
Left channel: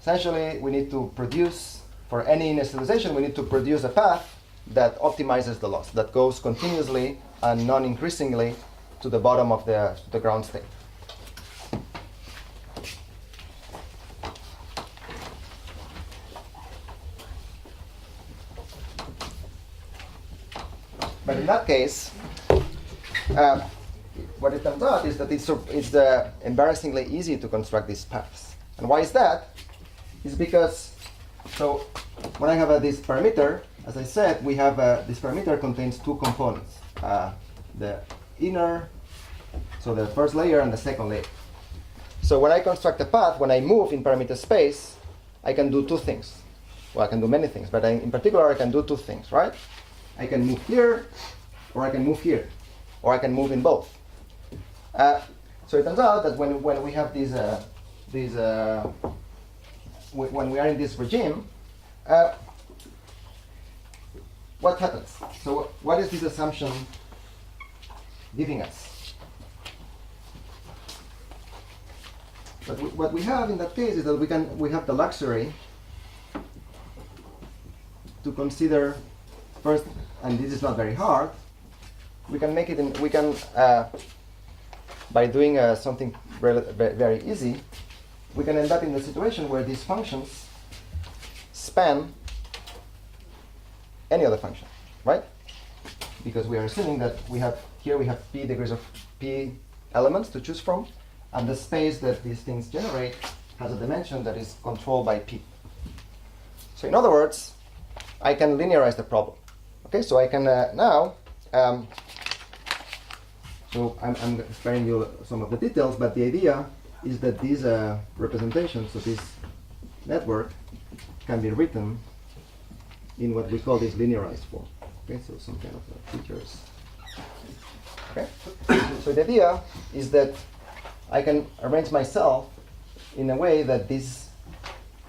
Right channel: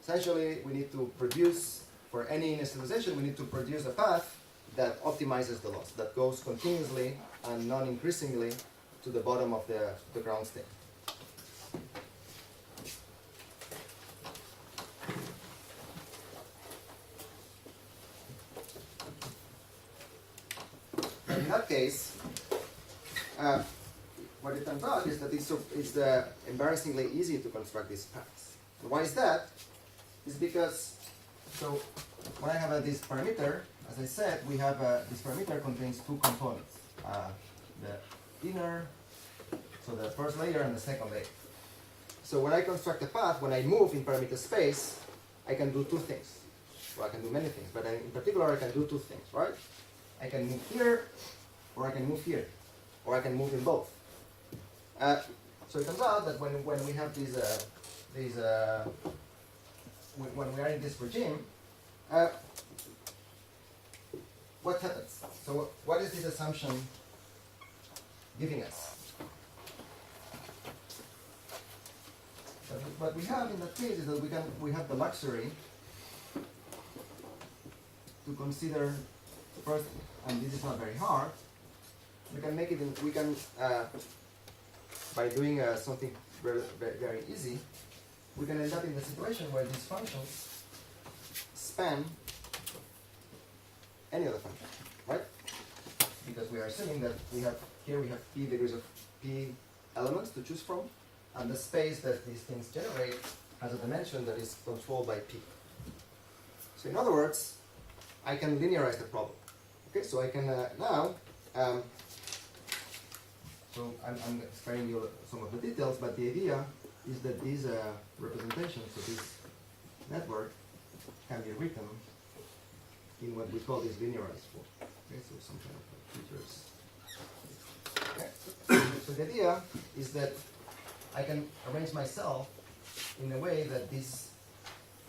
Essentially, we need to produce, for any initialization, we need to produce a path that optimizes the loss, that goes continuously and non-increasingly to the bottom of the ground state. But in that case, what it turns out is that it's embarrassingly easy to construct these paths. And why is that? It's because, so when I have this parameter, as I said, we have this parameter contains two components. The inner, so the first layer and the second layer. So when I construct a path, when I move in parameter space, I can do two things. Well, I can do many things, but in particular, I can do two things, right? I can move here, or I can move here, or I can move in both. So it turns out that when we have when we are in this regime, what happens? So what is this assumption giving us? But what we have in that case is that we have the luxury to consider first, and this is not very hard. We can make it in. We can by doing something very easy. We can end up in a situation where these functions span any other function, right? Because we are assuming that we have p degrees of p elements to choose from, and the space that these things generate has a dimension that is controlled by p. So in other words, I can linearize the problem. Okay, so I can now. So I'm sparing you some of the details, but the idea is that these representations of this network can be written in what we call this linearized form. Okay, so some kind of features. Okay, so the idea is that I can arrange myself in a way that these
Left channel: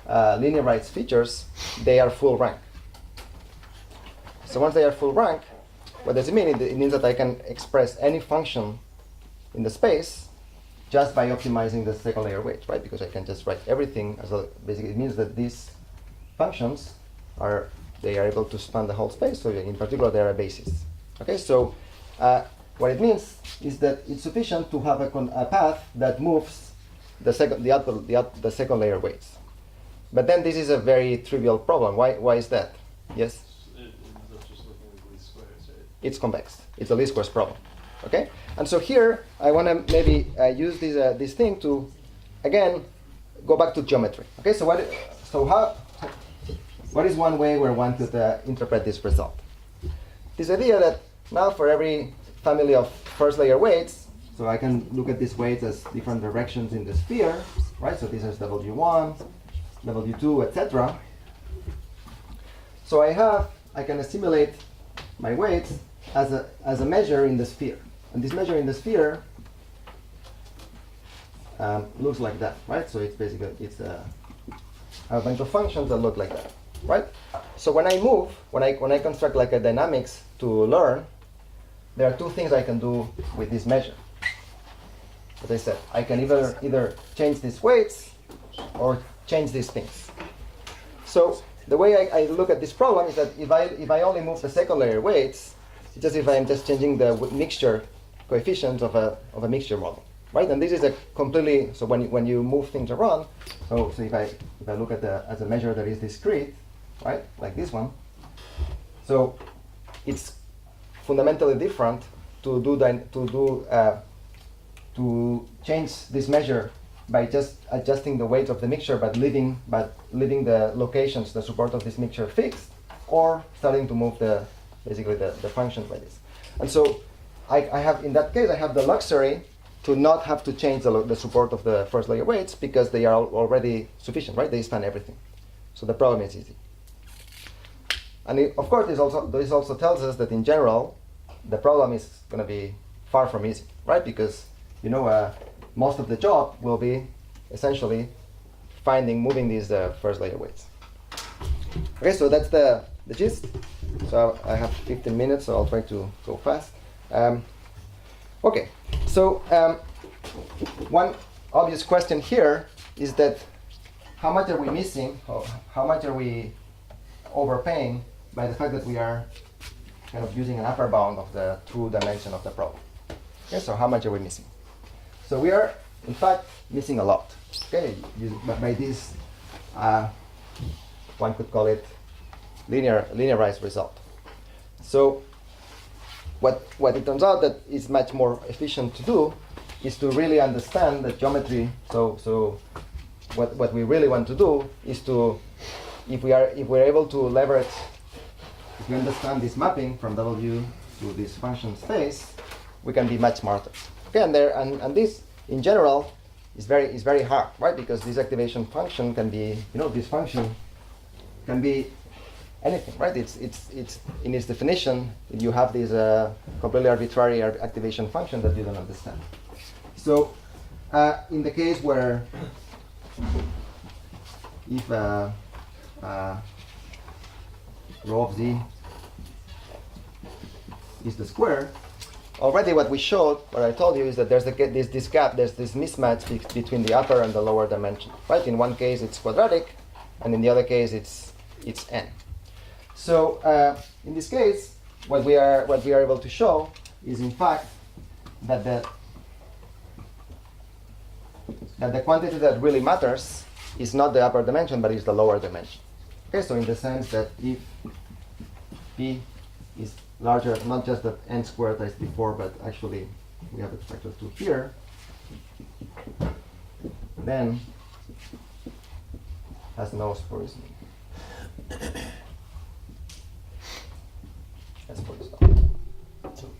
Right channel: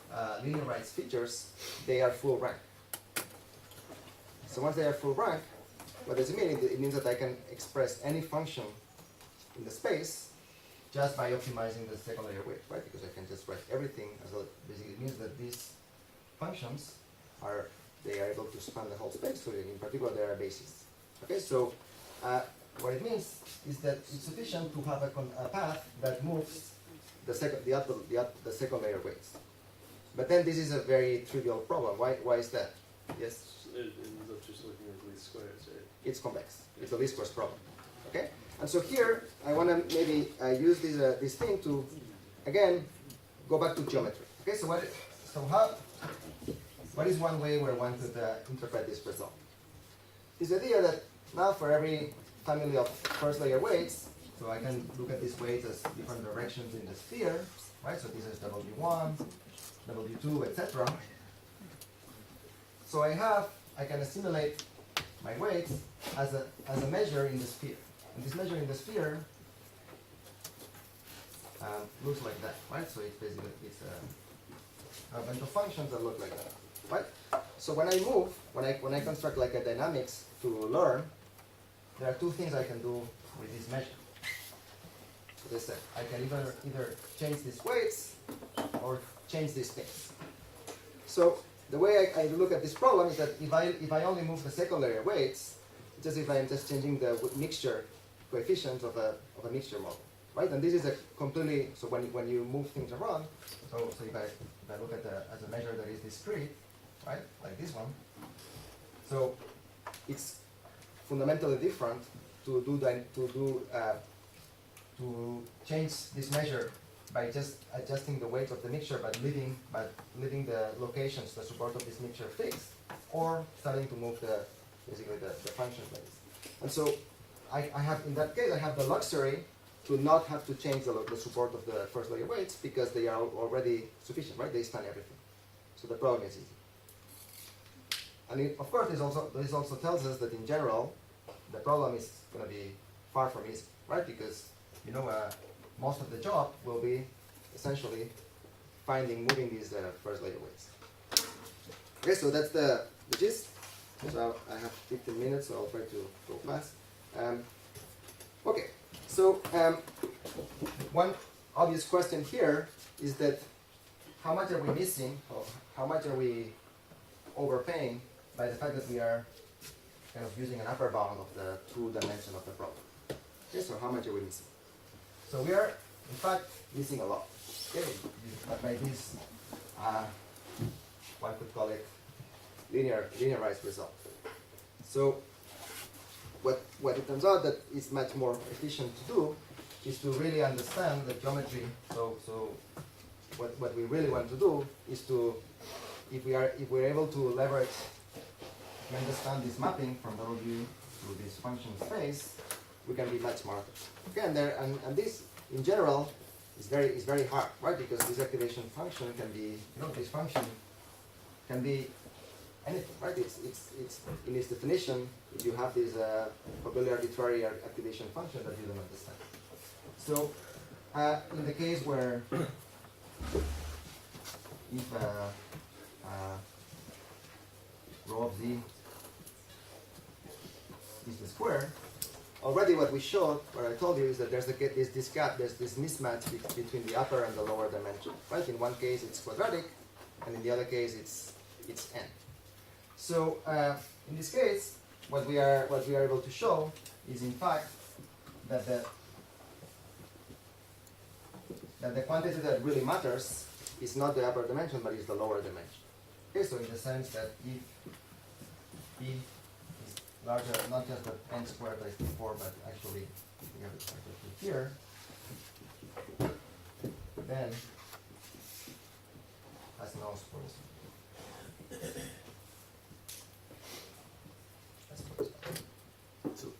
linearized features, they are full rank. So once they are full rank, what does it mean? It means that I can express any function in the space just by optimizing the second layer weights, right? Because I can just write everything as a, basically it means that these functions are able to span the whole space, so in particular they are a basis. Okay, so what it means is that it's sufficient to have a path that moves the second layer weights. But then this is a very trivial problem. Why is that? Yes? It ends up just looking like least squares, right? It's convex. It's a least squares problem. Okay? And so here I want to maybe use this thing to again go back to geometry. Okay? So what is one way where one could interpret this result? This idea that now for every family of first layer weights, so I can look at these weights as different directions in the sphere, right? So this is W1, W2, etc. So I can assimilate my weights as a measure in the sphere. And this measure in the sphere looks like that, right? So it's basically, a bunch of functions that look like that, right? So when I construct like a dynamics to learn, there are two things I can do with this measure. As I said, I can either change these weights or change these things. So the way I look at this problem is that if I only move the second layer weights, it's just if I'm just changing the mixture coefficients of a mixture model, right? And this is a completely, so when you move things around, so if I look at as a measure that is discrete, right, like this one, so it's fundamentally different to change this measure by just adjusting the weight of the mixture, but leaving the locations, the support of this mixture fixed, or starting to move basically the functions like this. And so I have, in that case, I have the luxury to not have to change the support of the first layer weights because they are already sufficient, right? They span everything. So the problem is easy. And of course, this also tells us that in general, the problem is going to be far from easy, right? Because most of the job will be essentially moving these first layer weights. Okay, so that's the gist. So I have 15 minutes, so I'll try to go fast. Okay, so one obvious question here is that how much are we missing, or how much are we overpaying by the fact that we are kind of using an upper bound of the true dimension of the problem? Okay, so how much are we missing? So we are, in fact, missing a lot. Okay, by this, one could call it linearized result. So what it turns out that is much more efficient to do is to really understand the geometry. So what we really want to do is to, if we're able to leverage, if we understand this mapping from W to this function space, we can be much smarter. Okay, and this in general is very hard, right? Because this activation function can be, this function can be anything, right? It's in its definition, you have this completely arbitrary activation function that you don't understand. So in the case where if rho of z is the square already what we showed, what I told you, is that there's this gap, there's this mismatch between the upper and the lower dimension, right? In one case it's quadratic, and in the other case it's n. So in this case, what we are able to show is in fact that the quantity that really matters is not the upper dimension, but is the lower dimension. Okay, so in the sense that if p is larger, not just that n squared times before, but actually we have a factor 2 here, then has no sporism. That's sporism. So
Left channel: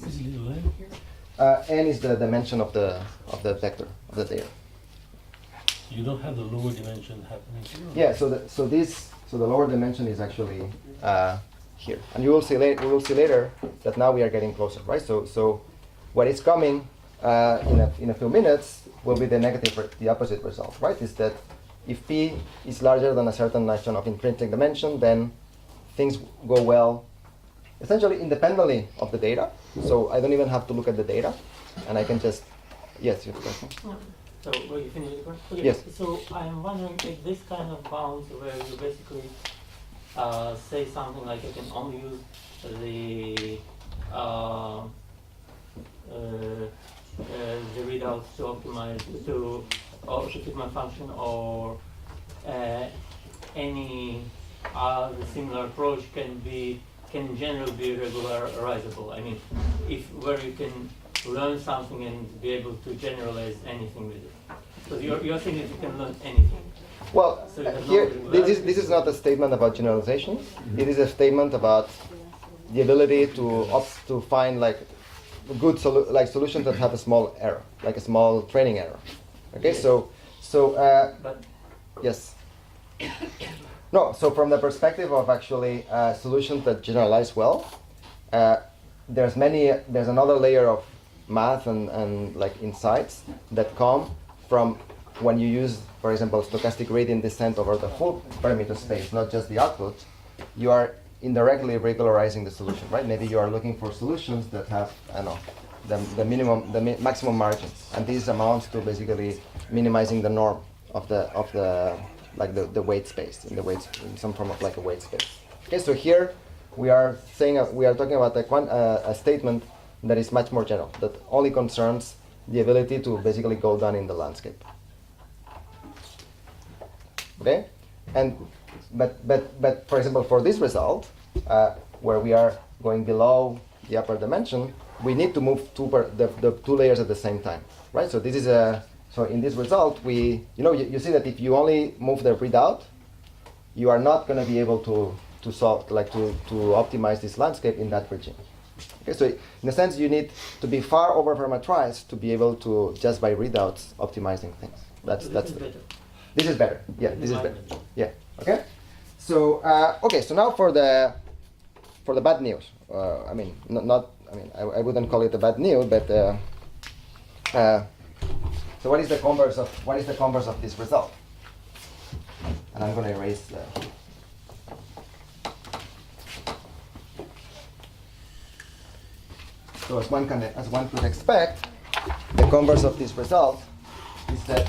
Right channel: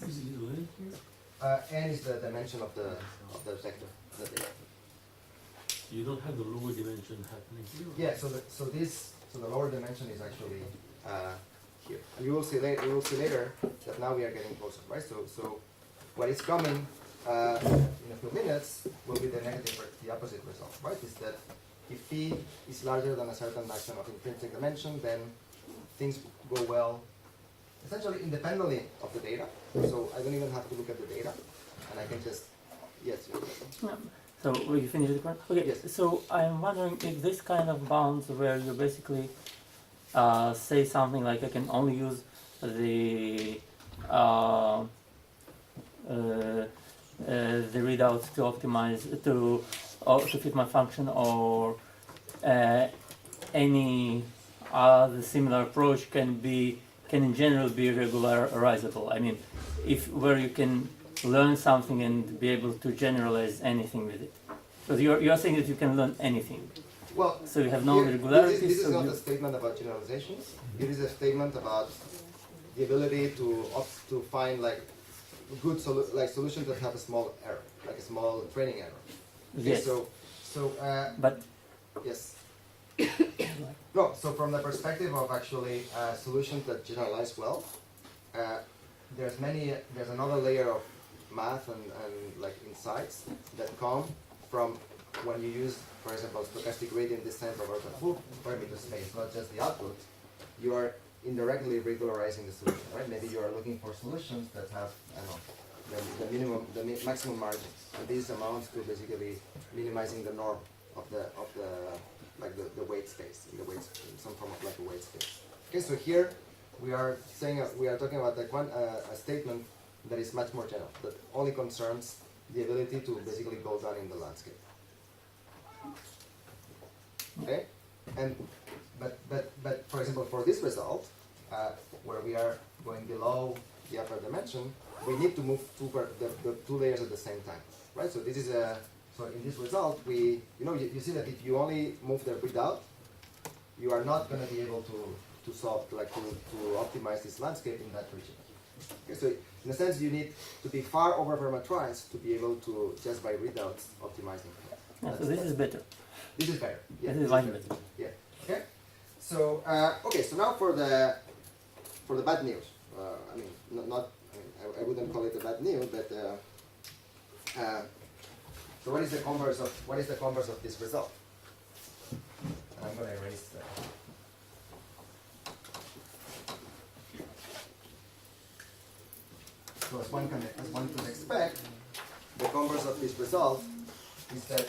who is little n here? N is the dimension of the vector of the data. You don't have the lower dimension happening here. Yeah. So the lower dimension is actually here, and you will see later. We will see later that now we are getting closer, right? So what is coming in a few minutes will be the negative, the opposite result, right? Is that if p is larger than a certain notion of intrinsic dimension, then things go well, essentially independently of the data. So I don't even have to look at the data, and I can just yes. So will you finish the question? Okay. Yes. So I'm wondering if this kind of bounds where you basically say something like you can only use the readouts to optimize to fit my function, or any other similar approach can in general be regularizable. I mean, where you can learn something and be able to generalize anything with it. Because you're saying that you can learn anything. Well, So you have no here, regularities, this is so not a statement about generalization. It is a statement about the ability to find like good solutions that have a small error, like a small training error. Okay, Yes. but yes. No, so from the perspective of actually solutions that generalize well, there's another layer of math and like insights that come from when you use, for example, stochastic gradient descent over the full parameter space, not just the output. You are indirectly regularizing the solution, right? Maybe you are looking for solutions that have, I don't know, the maximum margins, and this amounts to basically minimizing the norm of the weight space in some form of like a weight space. Okay, so here we are talking about a statement that is much more general, that only concerns the ability to basically go down in the landscape. Okay, but for example, for this result, where we are going below the upper dimension, we need to move the two layers at the same time, right? So this is so in this result, you see that if you only move the readout, you are not going to be able to solve, to optimize this landscape in that region. Okay, so in a sense, you need to be far over parameterized to be able to, just by readouts, optimizing things. This is better. This is better. Yeah, this is better. Better. Yeah. Okay. So So now for the bad news. I mean, I wouldn't call it a bad news, but so what is the converse of this result? And I'm going to erase the. So as one could expect, the converse of this result is that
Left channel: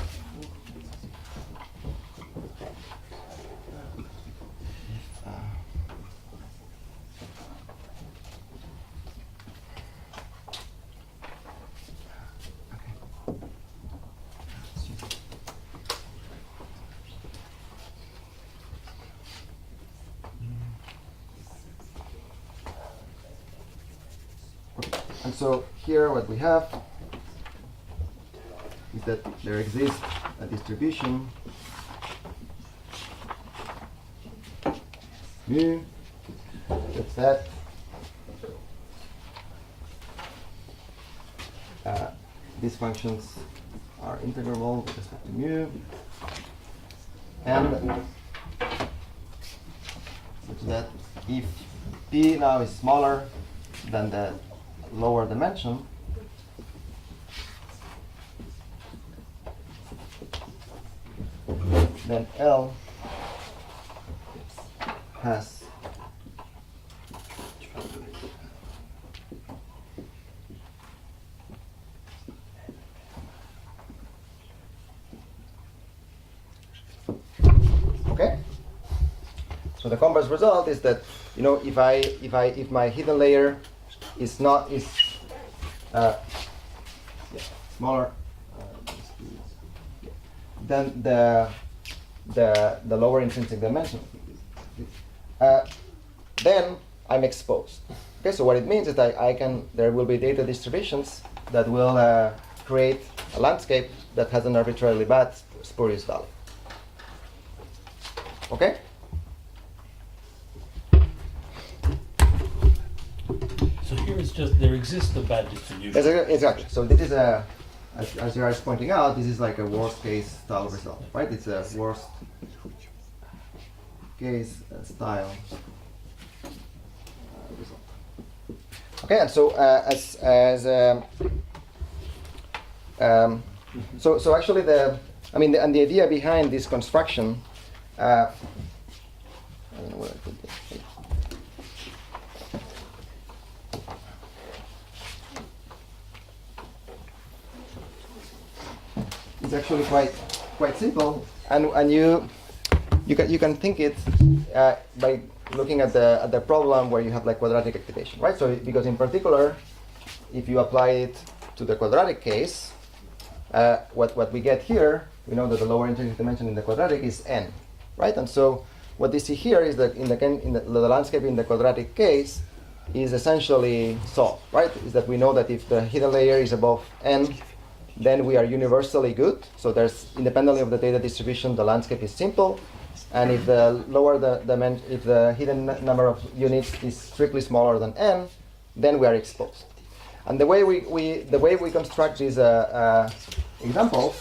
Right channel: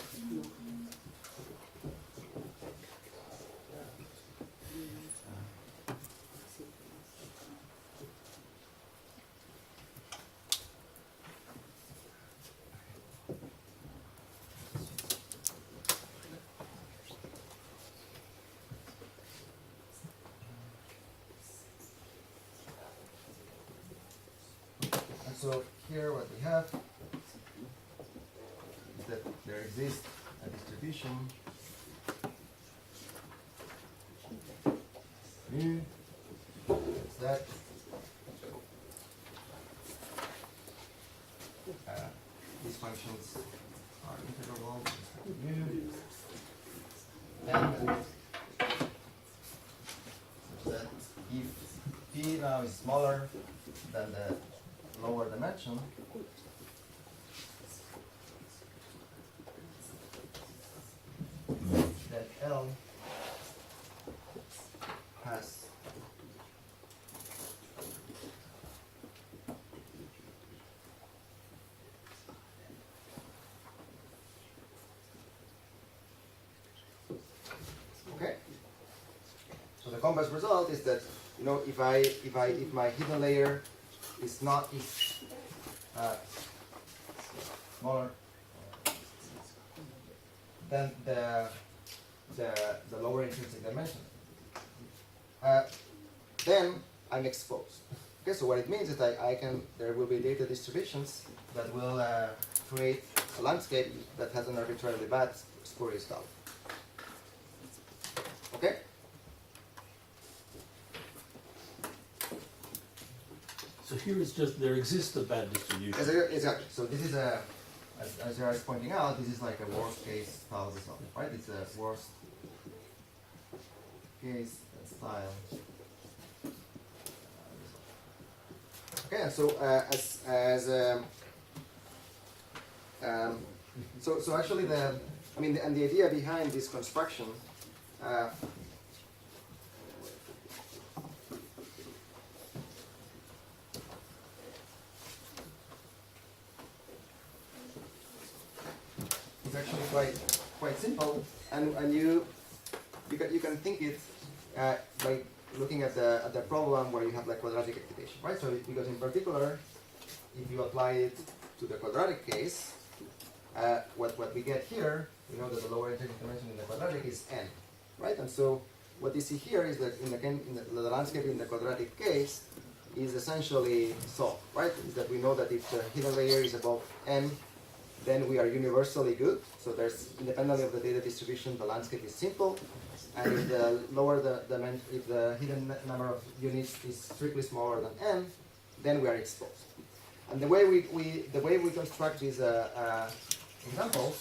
and so here what we have is that there exists a distribution mu such that these functions are integrable with respect to mu, and such that if p now is smaller than the lower dimension, then L has So the converse result is that, you know, if my hidden layer is smaller than the lower intrinsic dimension, then I'm exposed. Okay, so what it means is that there will be data distributions that will create a landscape that has an arbitrarily bad spurious value. Okay? So here it's just, there exists a bad distribution. Exactly. So this is as you are pointing out, this is like a worst case style result, right? It's a worst case style result. Okay, and so so actually the idea behind this construction. I don't know where I put it. It's actually quite simple, and you can think it by looking at the problem where you have like quadratic activation, right? So because in particular, if you apply it to the quadratic case, what we get here, we know that the lower intrinsic dimension in the quadratic is n, right? And so what they see here is that in the landscape in the quadratic case is essentially solved, right? Is that we know that if the hidden layer is above n, then we are universally good. So there's, independently of the data distribution, the landscape is simple. And if the lower if the hidden number of units is strictly smaller than n, then we are exposed. And the way we construct these examples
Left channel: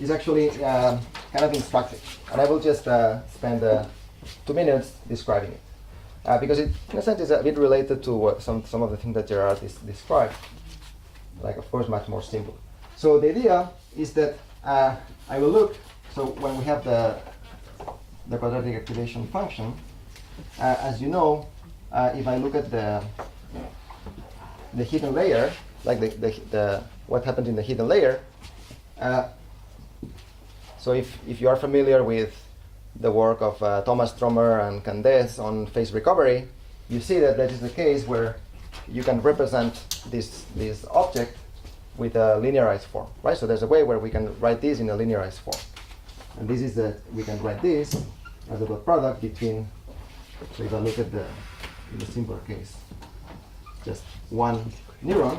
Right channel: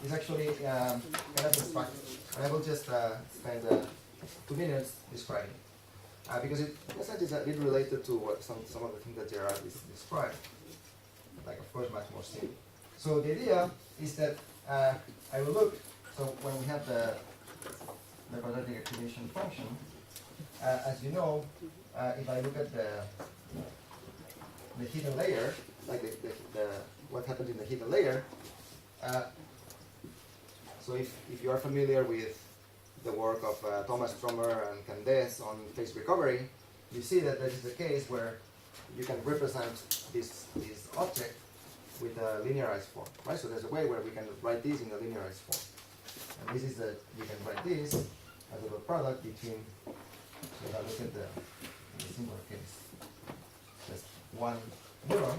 is actually kind of instructive. And I will just spend 2 minutes describing it, because it, in a sense, is a bit related to what some of the things that Gerard described. Like, of course, much more simple. So the idea is that I will look. So when we have the quadratic activation function, as you know, if I look at the hidden layer, like the what happens in the hidden layer. So if you are familiar with the work of Thomas Stromer and Candes on phase recovery, you see that is the case where you can represent this object with a linearized form, right? So there's a way where we can write this in a linearized form. And this is we can write this as a dot product between, so if I look at in the simpler case, just one neuron,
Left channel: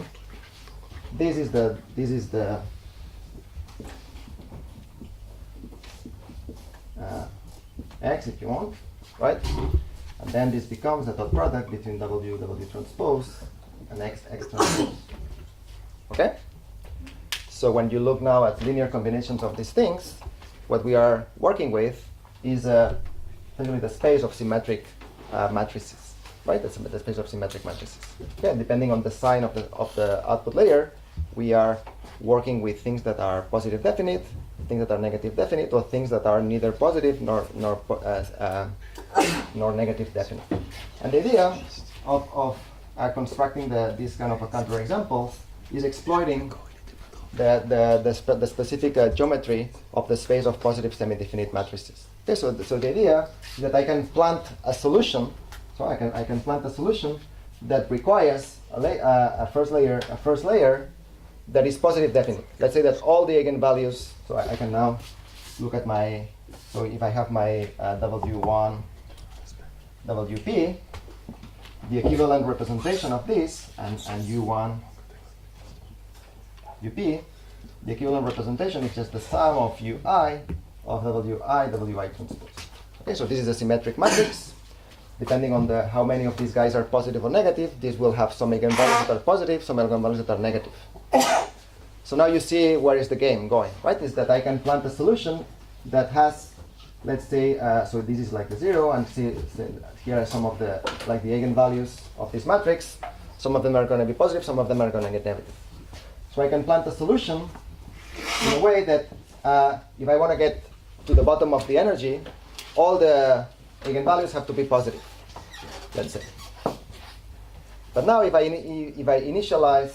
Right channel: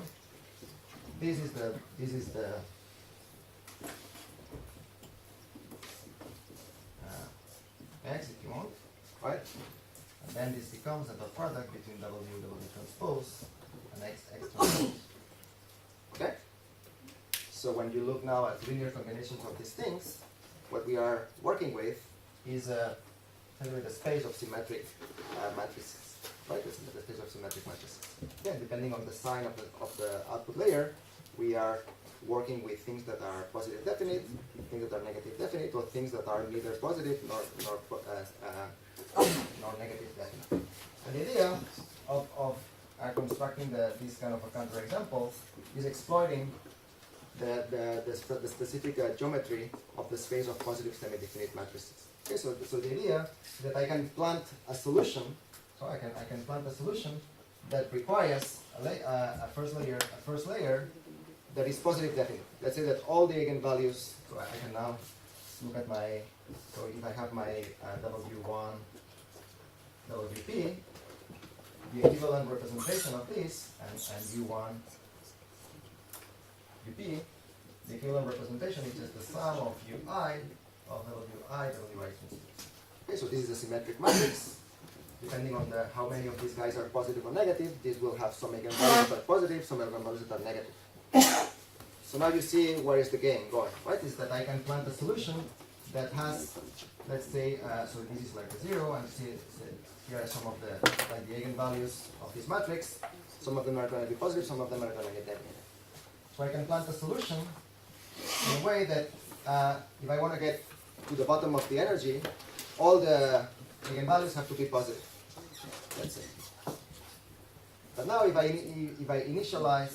this is the x, if you want, right? And then this becomes a dot product between W transpose and X transpose. Okay? So when you look now at linear combinations of these things, what we are working with is essentially the space of symmetric matrices, right? The space of symmetric matrices. Okay? Depending on the sign of the output layer, we are working with things that are positive definite, things that are negative definite, or things that are neither positive nor negative definite. And the idea of constructing these kind of counterexamples is exploiting the specific geometry of the space of positive semi-definite matrices. Okay, so the idea is that I can plant a solution. So I can plant a solution that requires a first layer that is positive definite. Let's say that all the eigenvalues. So I can now look at my. So if I have my W1, WP, the equivalent representation of this and U1, UP, the equivalent representation is just the sum of UI of WI transpose. Okay, so this is a symmetric matrix. Depending on how many of these guys are positive or negative, this will have some eigenvalues that are positive, some eigenvalues that are negative. So now you see where is the game going, right? Is that I can plant a solution that has, let's say, so this is like a 0, and see here are some of the eigenvalues of this matrix. Some of them are going to be positive, some of them are going to get negative. So I can plant a solution in a way that if I want to get to the bottom of the energy, all the eigenvalues have to be positive, let's say. But now if I initialize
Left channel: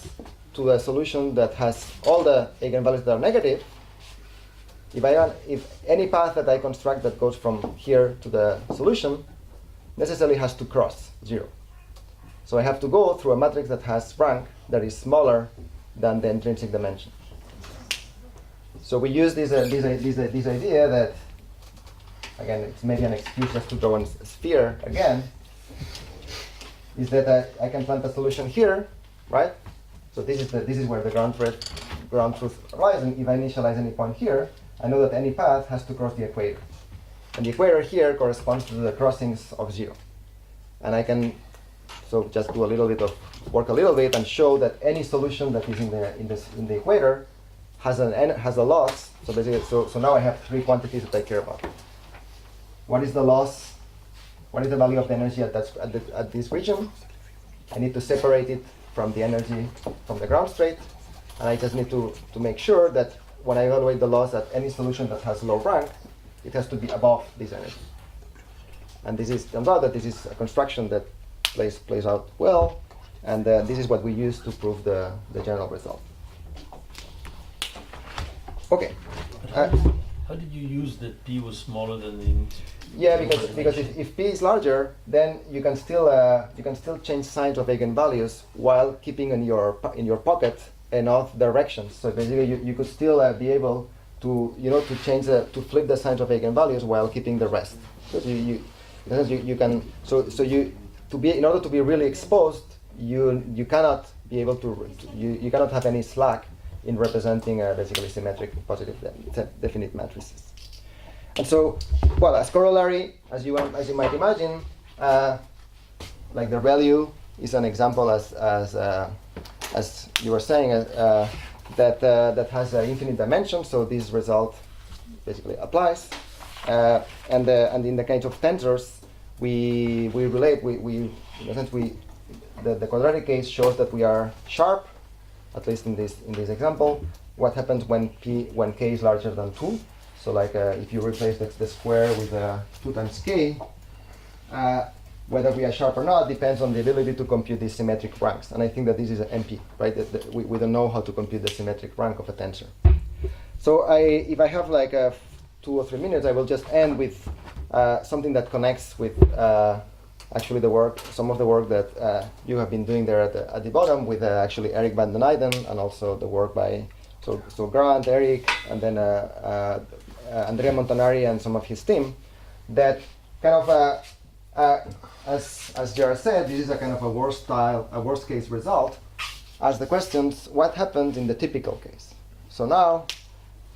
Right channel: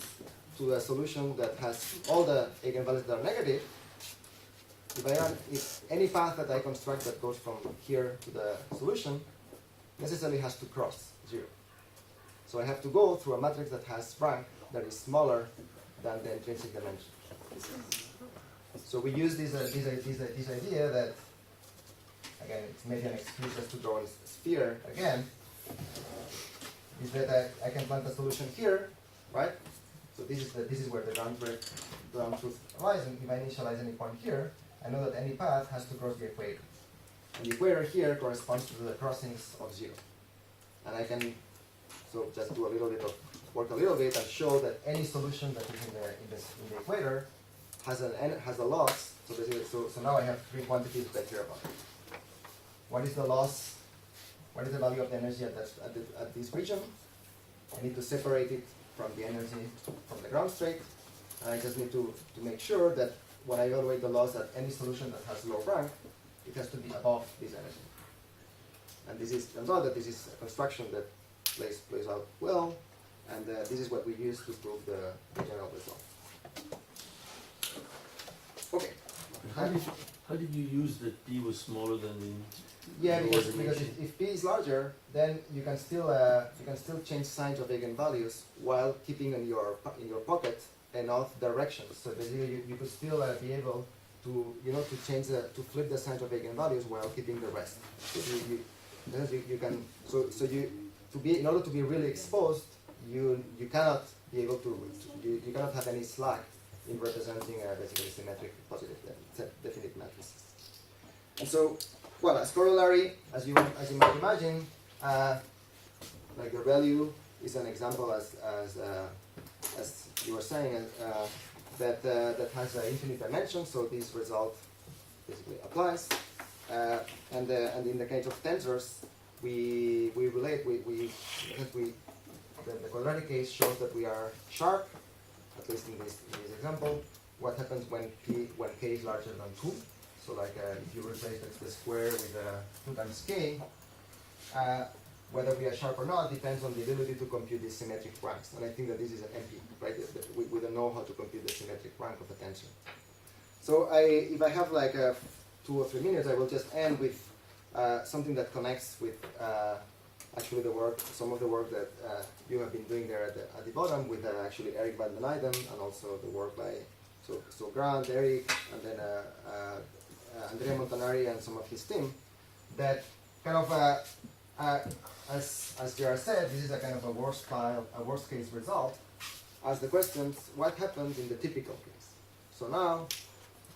to a solution that has all the eigenvalues that are negative, if any path that I construct that goes from here to the solution necessarily has to cross 0. So I have to go through a matrix that has rank that is smaller than the intrinsic dimension. So we use this idea that, again, it's maybe an excuse just to draw a sphere again, is that I can plant a solution here, right? So this is where the ground truth lies, and if I initialize any point here, I know that any path has to cross the equator. And the equator here corresponds to the crossings of 0. And I can just do a little bit of work and show that any solution that is in the equator has a loss. So basically, so now I have 3 quantities that I care about. What is the loss? What is the value of the energy at this region? I need to separate it from the energy from the ground state, and I just need to make sure that when I evaluate the loss at any solution that has low rank, it has to be above this energy. And turns out that this is a construction that plays out well, and this is what we use to prove the general result. Okay. How did you use that P was smaller than the? Yeah, because if P is larger, then you can still change signs of eigenvalues while keeping in your pocket enough directions. So basically, you could still be able to change to flip the signs of eigenvalues while keeping the rest. So in order to be really exposed, you cannot be able to you cannot have any slack in representing basically symmetric positive definite matrices. And so, well, as corollary, as you might imagine, like the ReLU is an example as you were saying that has an infinite dimension. So this result basically applies. And in the case of tensors, we relate in a sense the quadratic case shows that we are sharp, at least in this example. What happens when k is larger than 2? So like if you replace the square with 2 times k, whether we are sharp or not depends on the ability to compute these symmetric ranks. And I think that this is an MP, right? We don't know how to compute the symmetric rank of a tensor. So if I have like 2 or 3 minutes, I will just end with something that connects with actually some of the work that you have been doing there at the bottom with actually Eric van den Eyden, and also the work by so Grant, Eric, and then Andrea Montanari and some of his team. That kind of as Jared said, this is a kind of a worst case result. As the questions, what happens in the typical case? So now,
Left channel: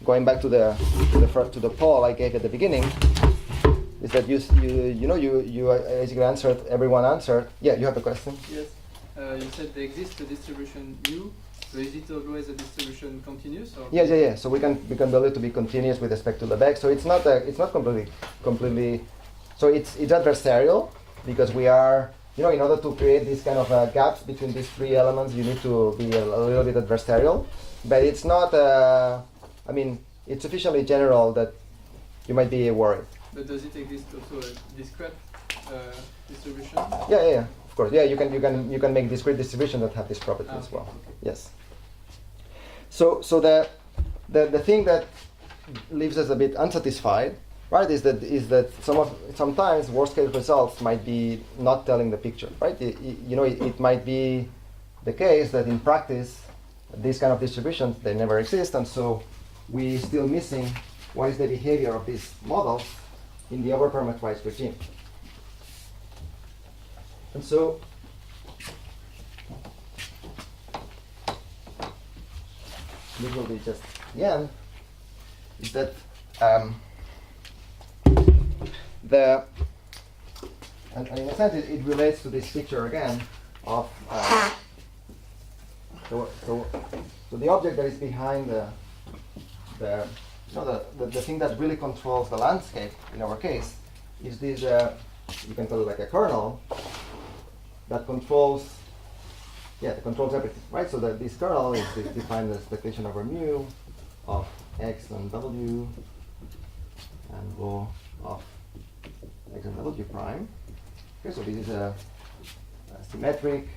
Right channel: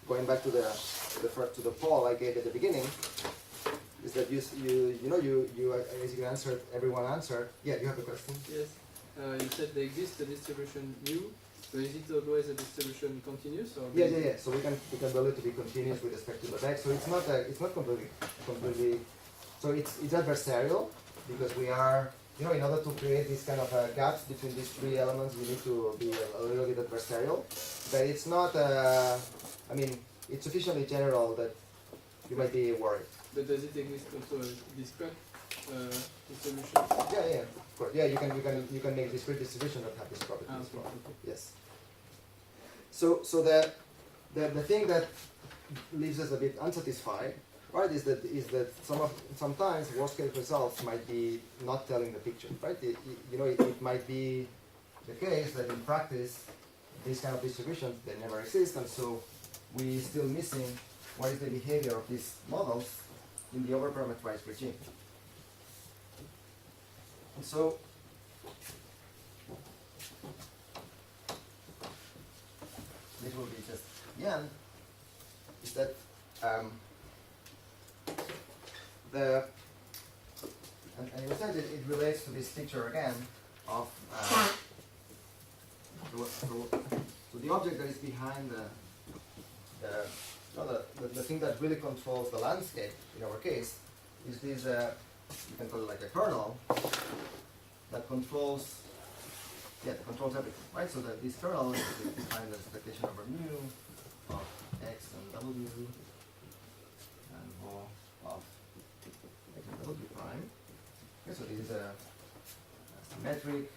going back to the poll I gave at the beginning, is that you basically answered. Everyone answered. Yeah, you have a question. Yes. You said there exists a distribution U. So is it always a distribution continuous? Or Yeah. So we can build it to be continuous with respect to the Beg. So it's not completely. So it's adversarial because we are in order to create these kind of gaps between these 3 elements, you need to be a little bit adversarial. But it's not. It's sufficiently general that you might be worried. But does it exist also a discrete distribution? Yeah. Of course. Yeah, you can make discrete distributions that have this property as well. Okay. Yes. So the thing that leaves us a bit unsatisfied, right, is that sometimes worst case results might be not telling the picture, right? It might be the case that in practice these kind of distributions, they never exist, and so we still missing what is the behavior of these models in the overparameterized regime. And so this will be just the end, is that and in a sense it relates to this picture again of so the object that is behind the thing that really controls the landscape in our case is this you can call it like a kernel that controls everything, right? So that this kernel is defined as expectation over mu of x and w and rho of x and w prime. Okay, so this is a symmetric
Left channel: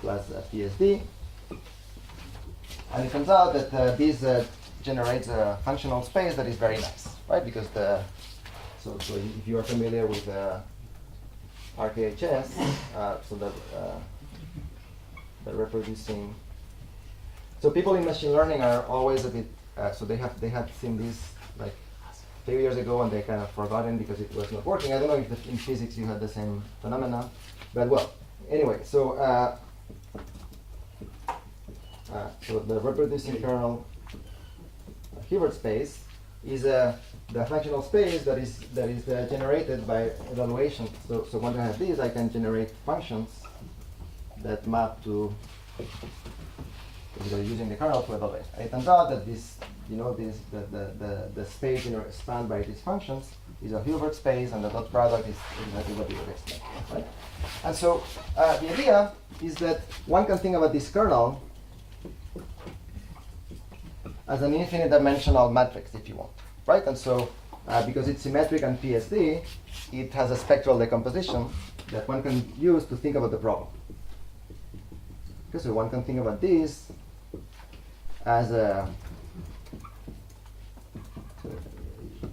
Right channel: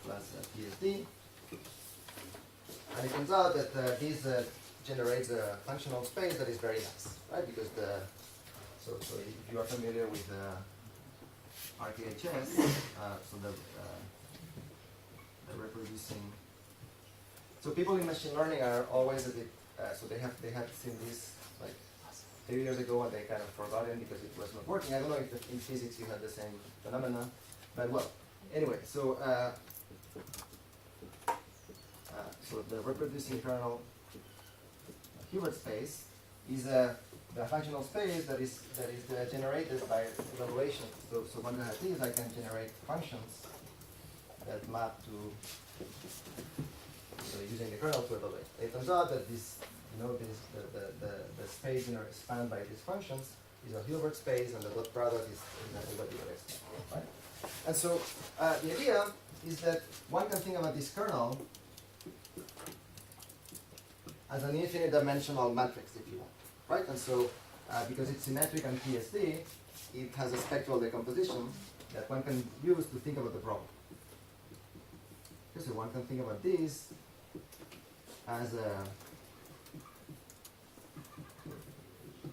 plus a PSD. And it turns out that this generates a functional space that is very nice, right? Because so if you are familiar with RKHS, so that the reproducing. So people in machine learning are always a bit. So they had seen this like a few years ago, and they kind of forgotten because it was not working. I don't know if in physics you had the same phenomena, but well, anyway. So so the reproducing kernel Hilbert space is the functional space that is generated by evaluation. So once I have this, I can generate functions that map to using the kernel to evaluate. And it turns out that this, the space spanned by these functions is a Hilbert space, and the dot product is exactly what you would expect, right? And so the idea is that one can think about this kernel as an infinite dimensional matrix, if you want, right? And so because it's symmetric and PSD, it has a spectral decomposition that one can use to think about the problem. Okay, so one can think about this as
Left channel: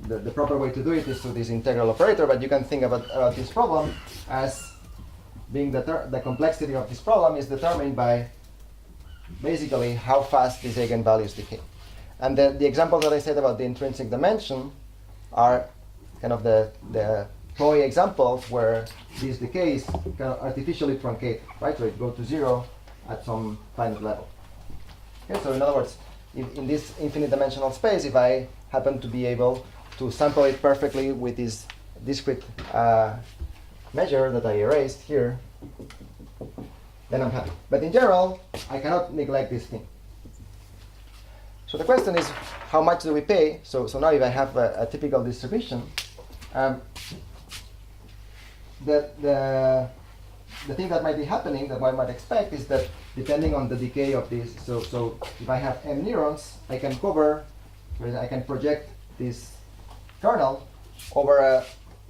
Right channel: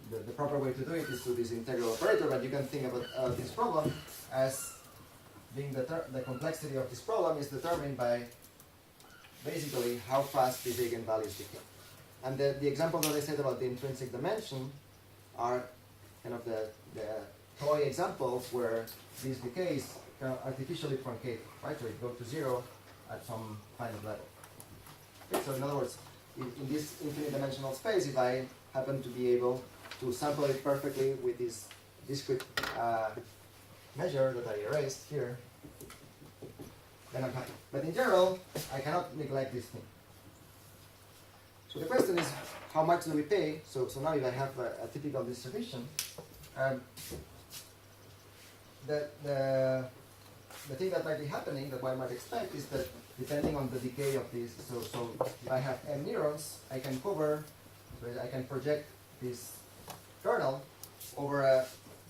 the proper way to do it is through this integral operator, but you can think about this problem as being the complexity of this problem is determined by basically how fast these eigenvalues decay. And the examples that I said about the intrinsic dimension are kind of the toy examples where this decay is kind of artificially truncated, right? So it goes to zero at some finite level. Okay, so in other words, in this infinite dimensional space, if I happen to be able to sample it perfectly with this discrete measure that I erased here, then I'm happy. But in general, I cannot neglect this thing. So the question is, how much do we pay? So now if I have a typical distribution, the thing that might be happening, that one might expect, is that depending on the decay of this, so if I have m neurons, I can project this kernel over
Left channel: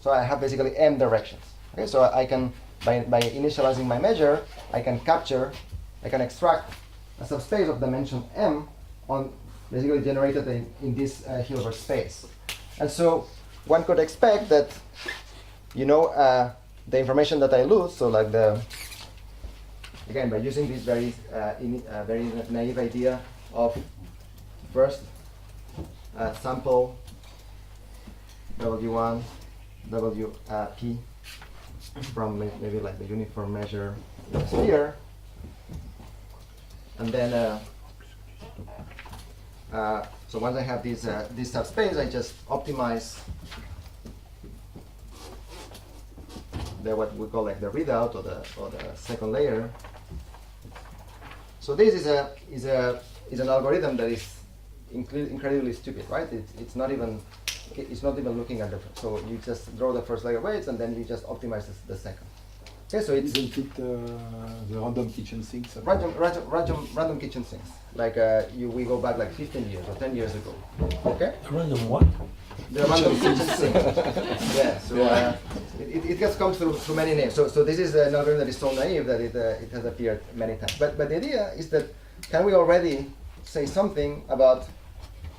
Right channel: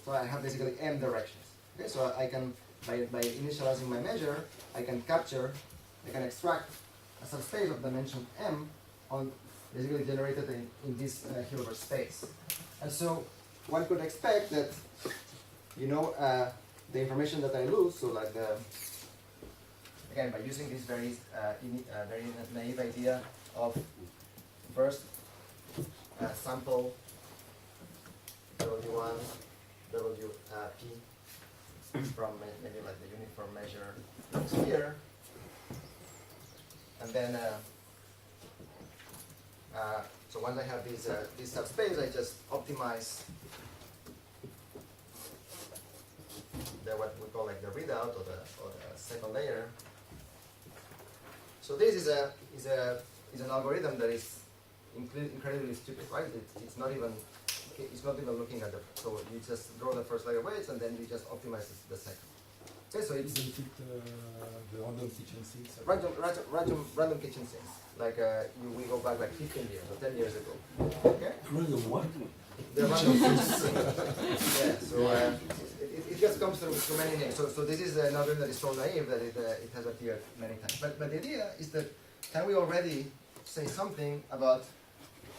so I have basically m directions. Okay, so I can, by initializing my measure, I can extract a subspace of dimension m on basically generated in this Hilbert space. And so one could expect that, the information that I lose, so like again, by using this very naive idea of first sample W1, WP from maybe like the uniform measure sphere, and then so once I have this subspace, I just optimize what we call like the readout or the second layer. So this is an algorithm that is incredibly stupid, right? It's not even looking at the. So you just draw the first layer weights and then you just optimize the second. Okay, so it's isn't it the random kitchen sinks? Random kitchen sinks. Like we go back like 15 years or 10 years ago. Okay. Random what? The random kitchen sink. Yeah. So it just comes through many names. So this is an algorithm that is so naive that it has appeared many times. But the idea is that can we already say something about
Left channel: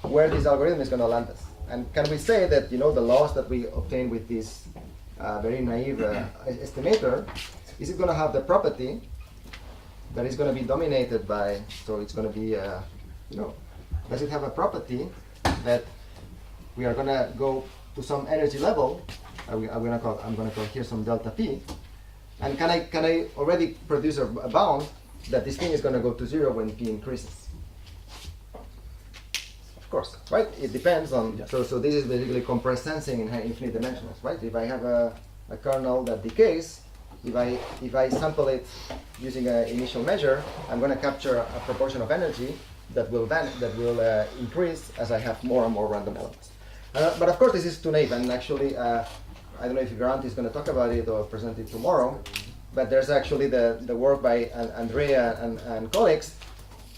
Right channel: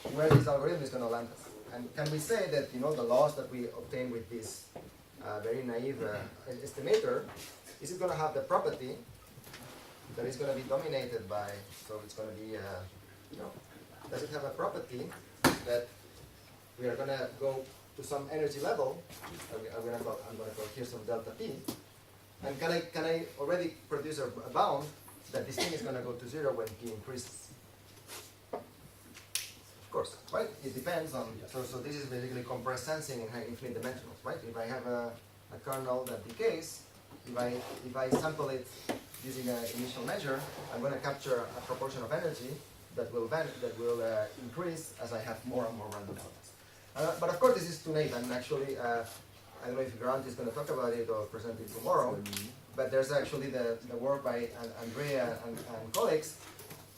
where this algorithm is going to land us? And can we say that the loss that we obtain with this very naive estimator, is it going to have the property that is going to be dominated by, so it's going to be, does it have a property that we are going to go to some energy level, I'm going to call here some delta P, and can I already produce a bound that this thing is going to go to zero when P increases? Of course, right? It depends on, so this is basically compressed sensing in infinite dimensionals, right? If I have a kernel that decays, if I sample it using an initial measure, I'm going to capture a proportion of energy that will increase as I have more and more random elements. But of course, this is too naive, and actually, I don't know if Grant is going to talk about it or present it tomorrow, but there's actually the work by Andrea and colleagues.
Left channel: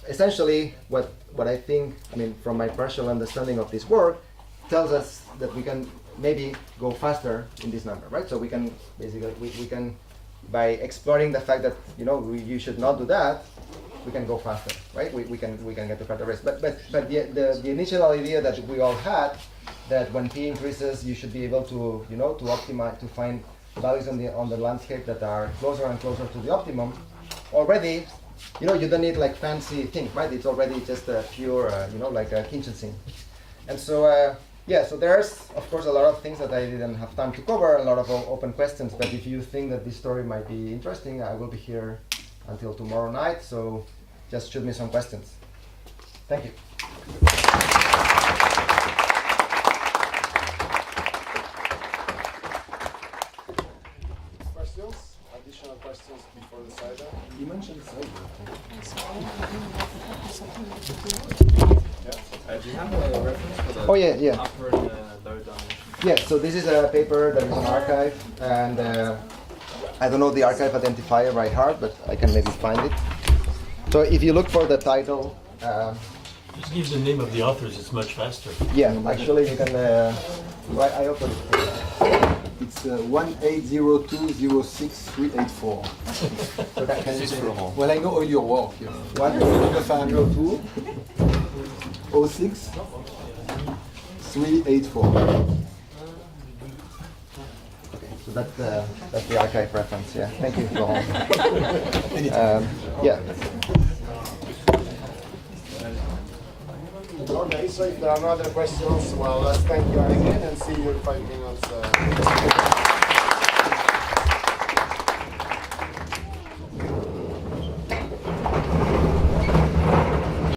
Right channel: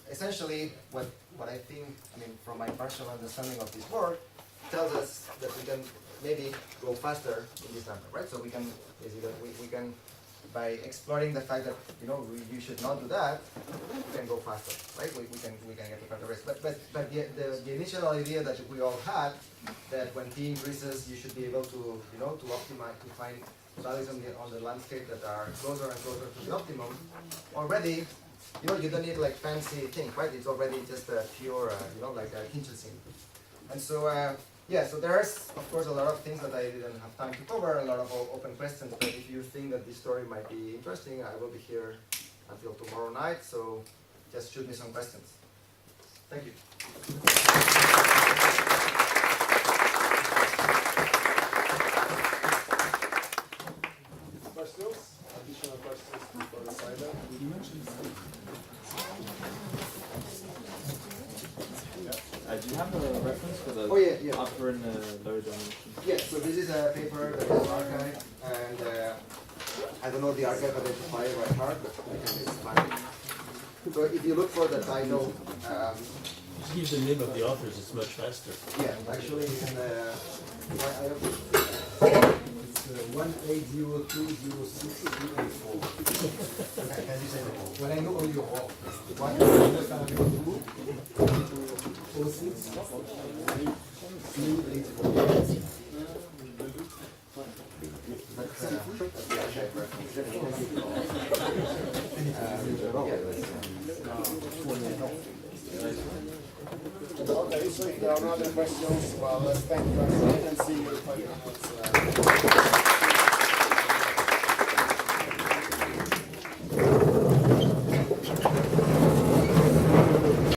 Essentially, what I think, from my partial understanding of this work, tells us that we can maybe go faster in this number, right? So we can basically we can by exploring the fact that you should not do that, we can go faster, right? We can get to further risk. But the initial idea that we all had, that when p increases, you should be able to to optimize, to find values on the landscape that are closer and closer to the optimum. Already, you don't need like fancy things, right? It's already just a pure like a Kinshasa. And so so there's of course a lot of things that I didn't have time to cover, a lot of open questions. But if you think that this story might be interesting, I will be here until tomorrow night, so just shoot me some questions. Thank you. Questions? Additional questions before the cider? You mentioned the cider. Do you have a reference for the Oh yeah. upper and lower dimension? Yeah, so this is a paper that is an archive, and I don't know the archive identifier by heart, but I can maybe find it. So if you look for the title, Just give the name of the authors, it's much faster. yeah, actually you can. I open. It's 1802063884. Well, I know all your work. 1802 06 384. So that's the archive reference. Yeah, thank you, Laurent. Yeah. Okay, so if there are no other questions, well, let's thank you again and see you in 5 minutes.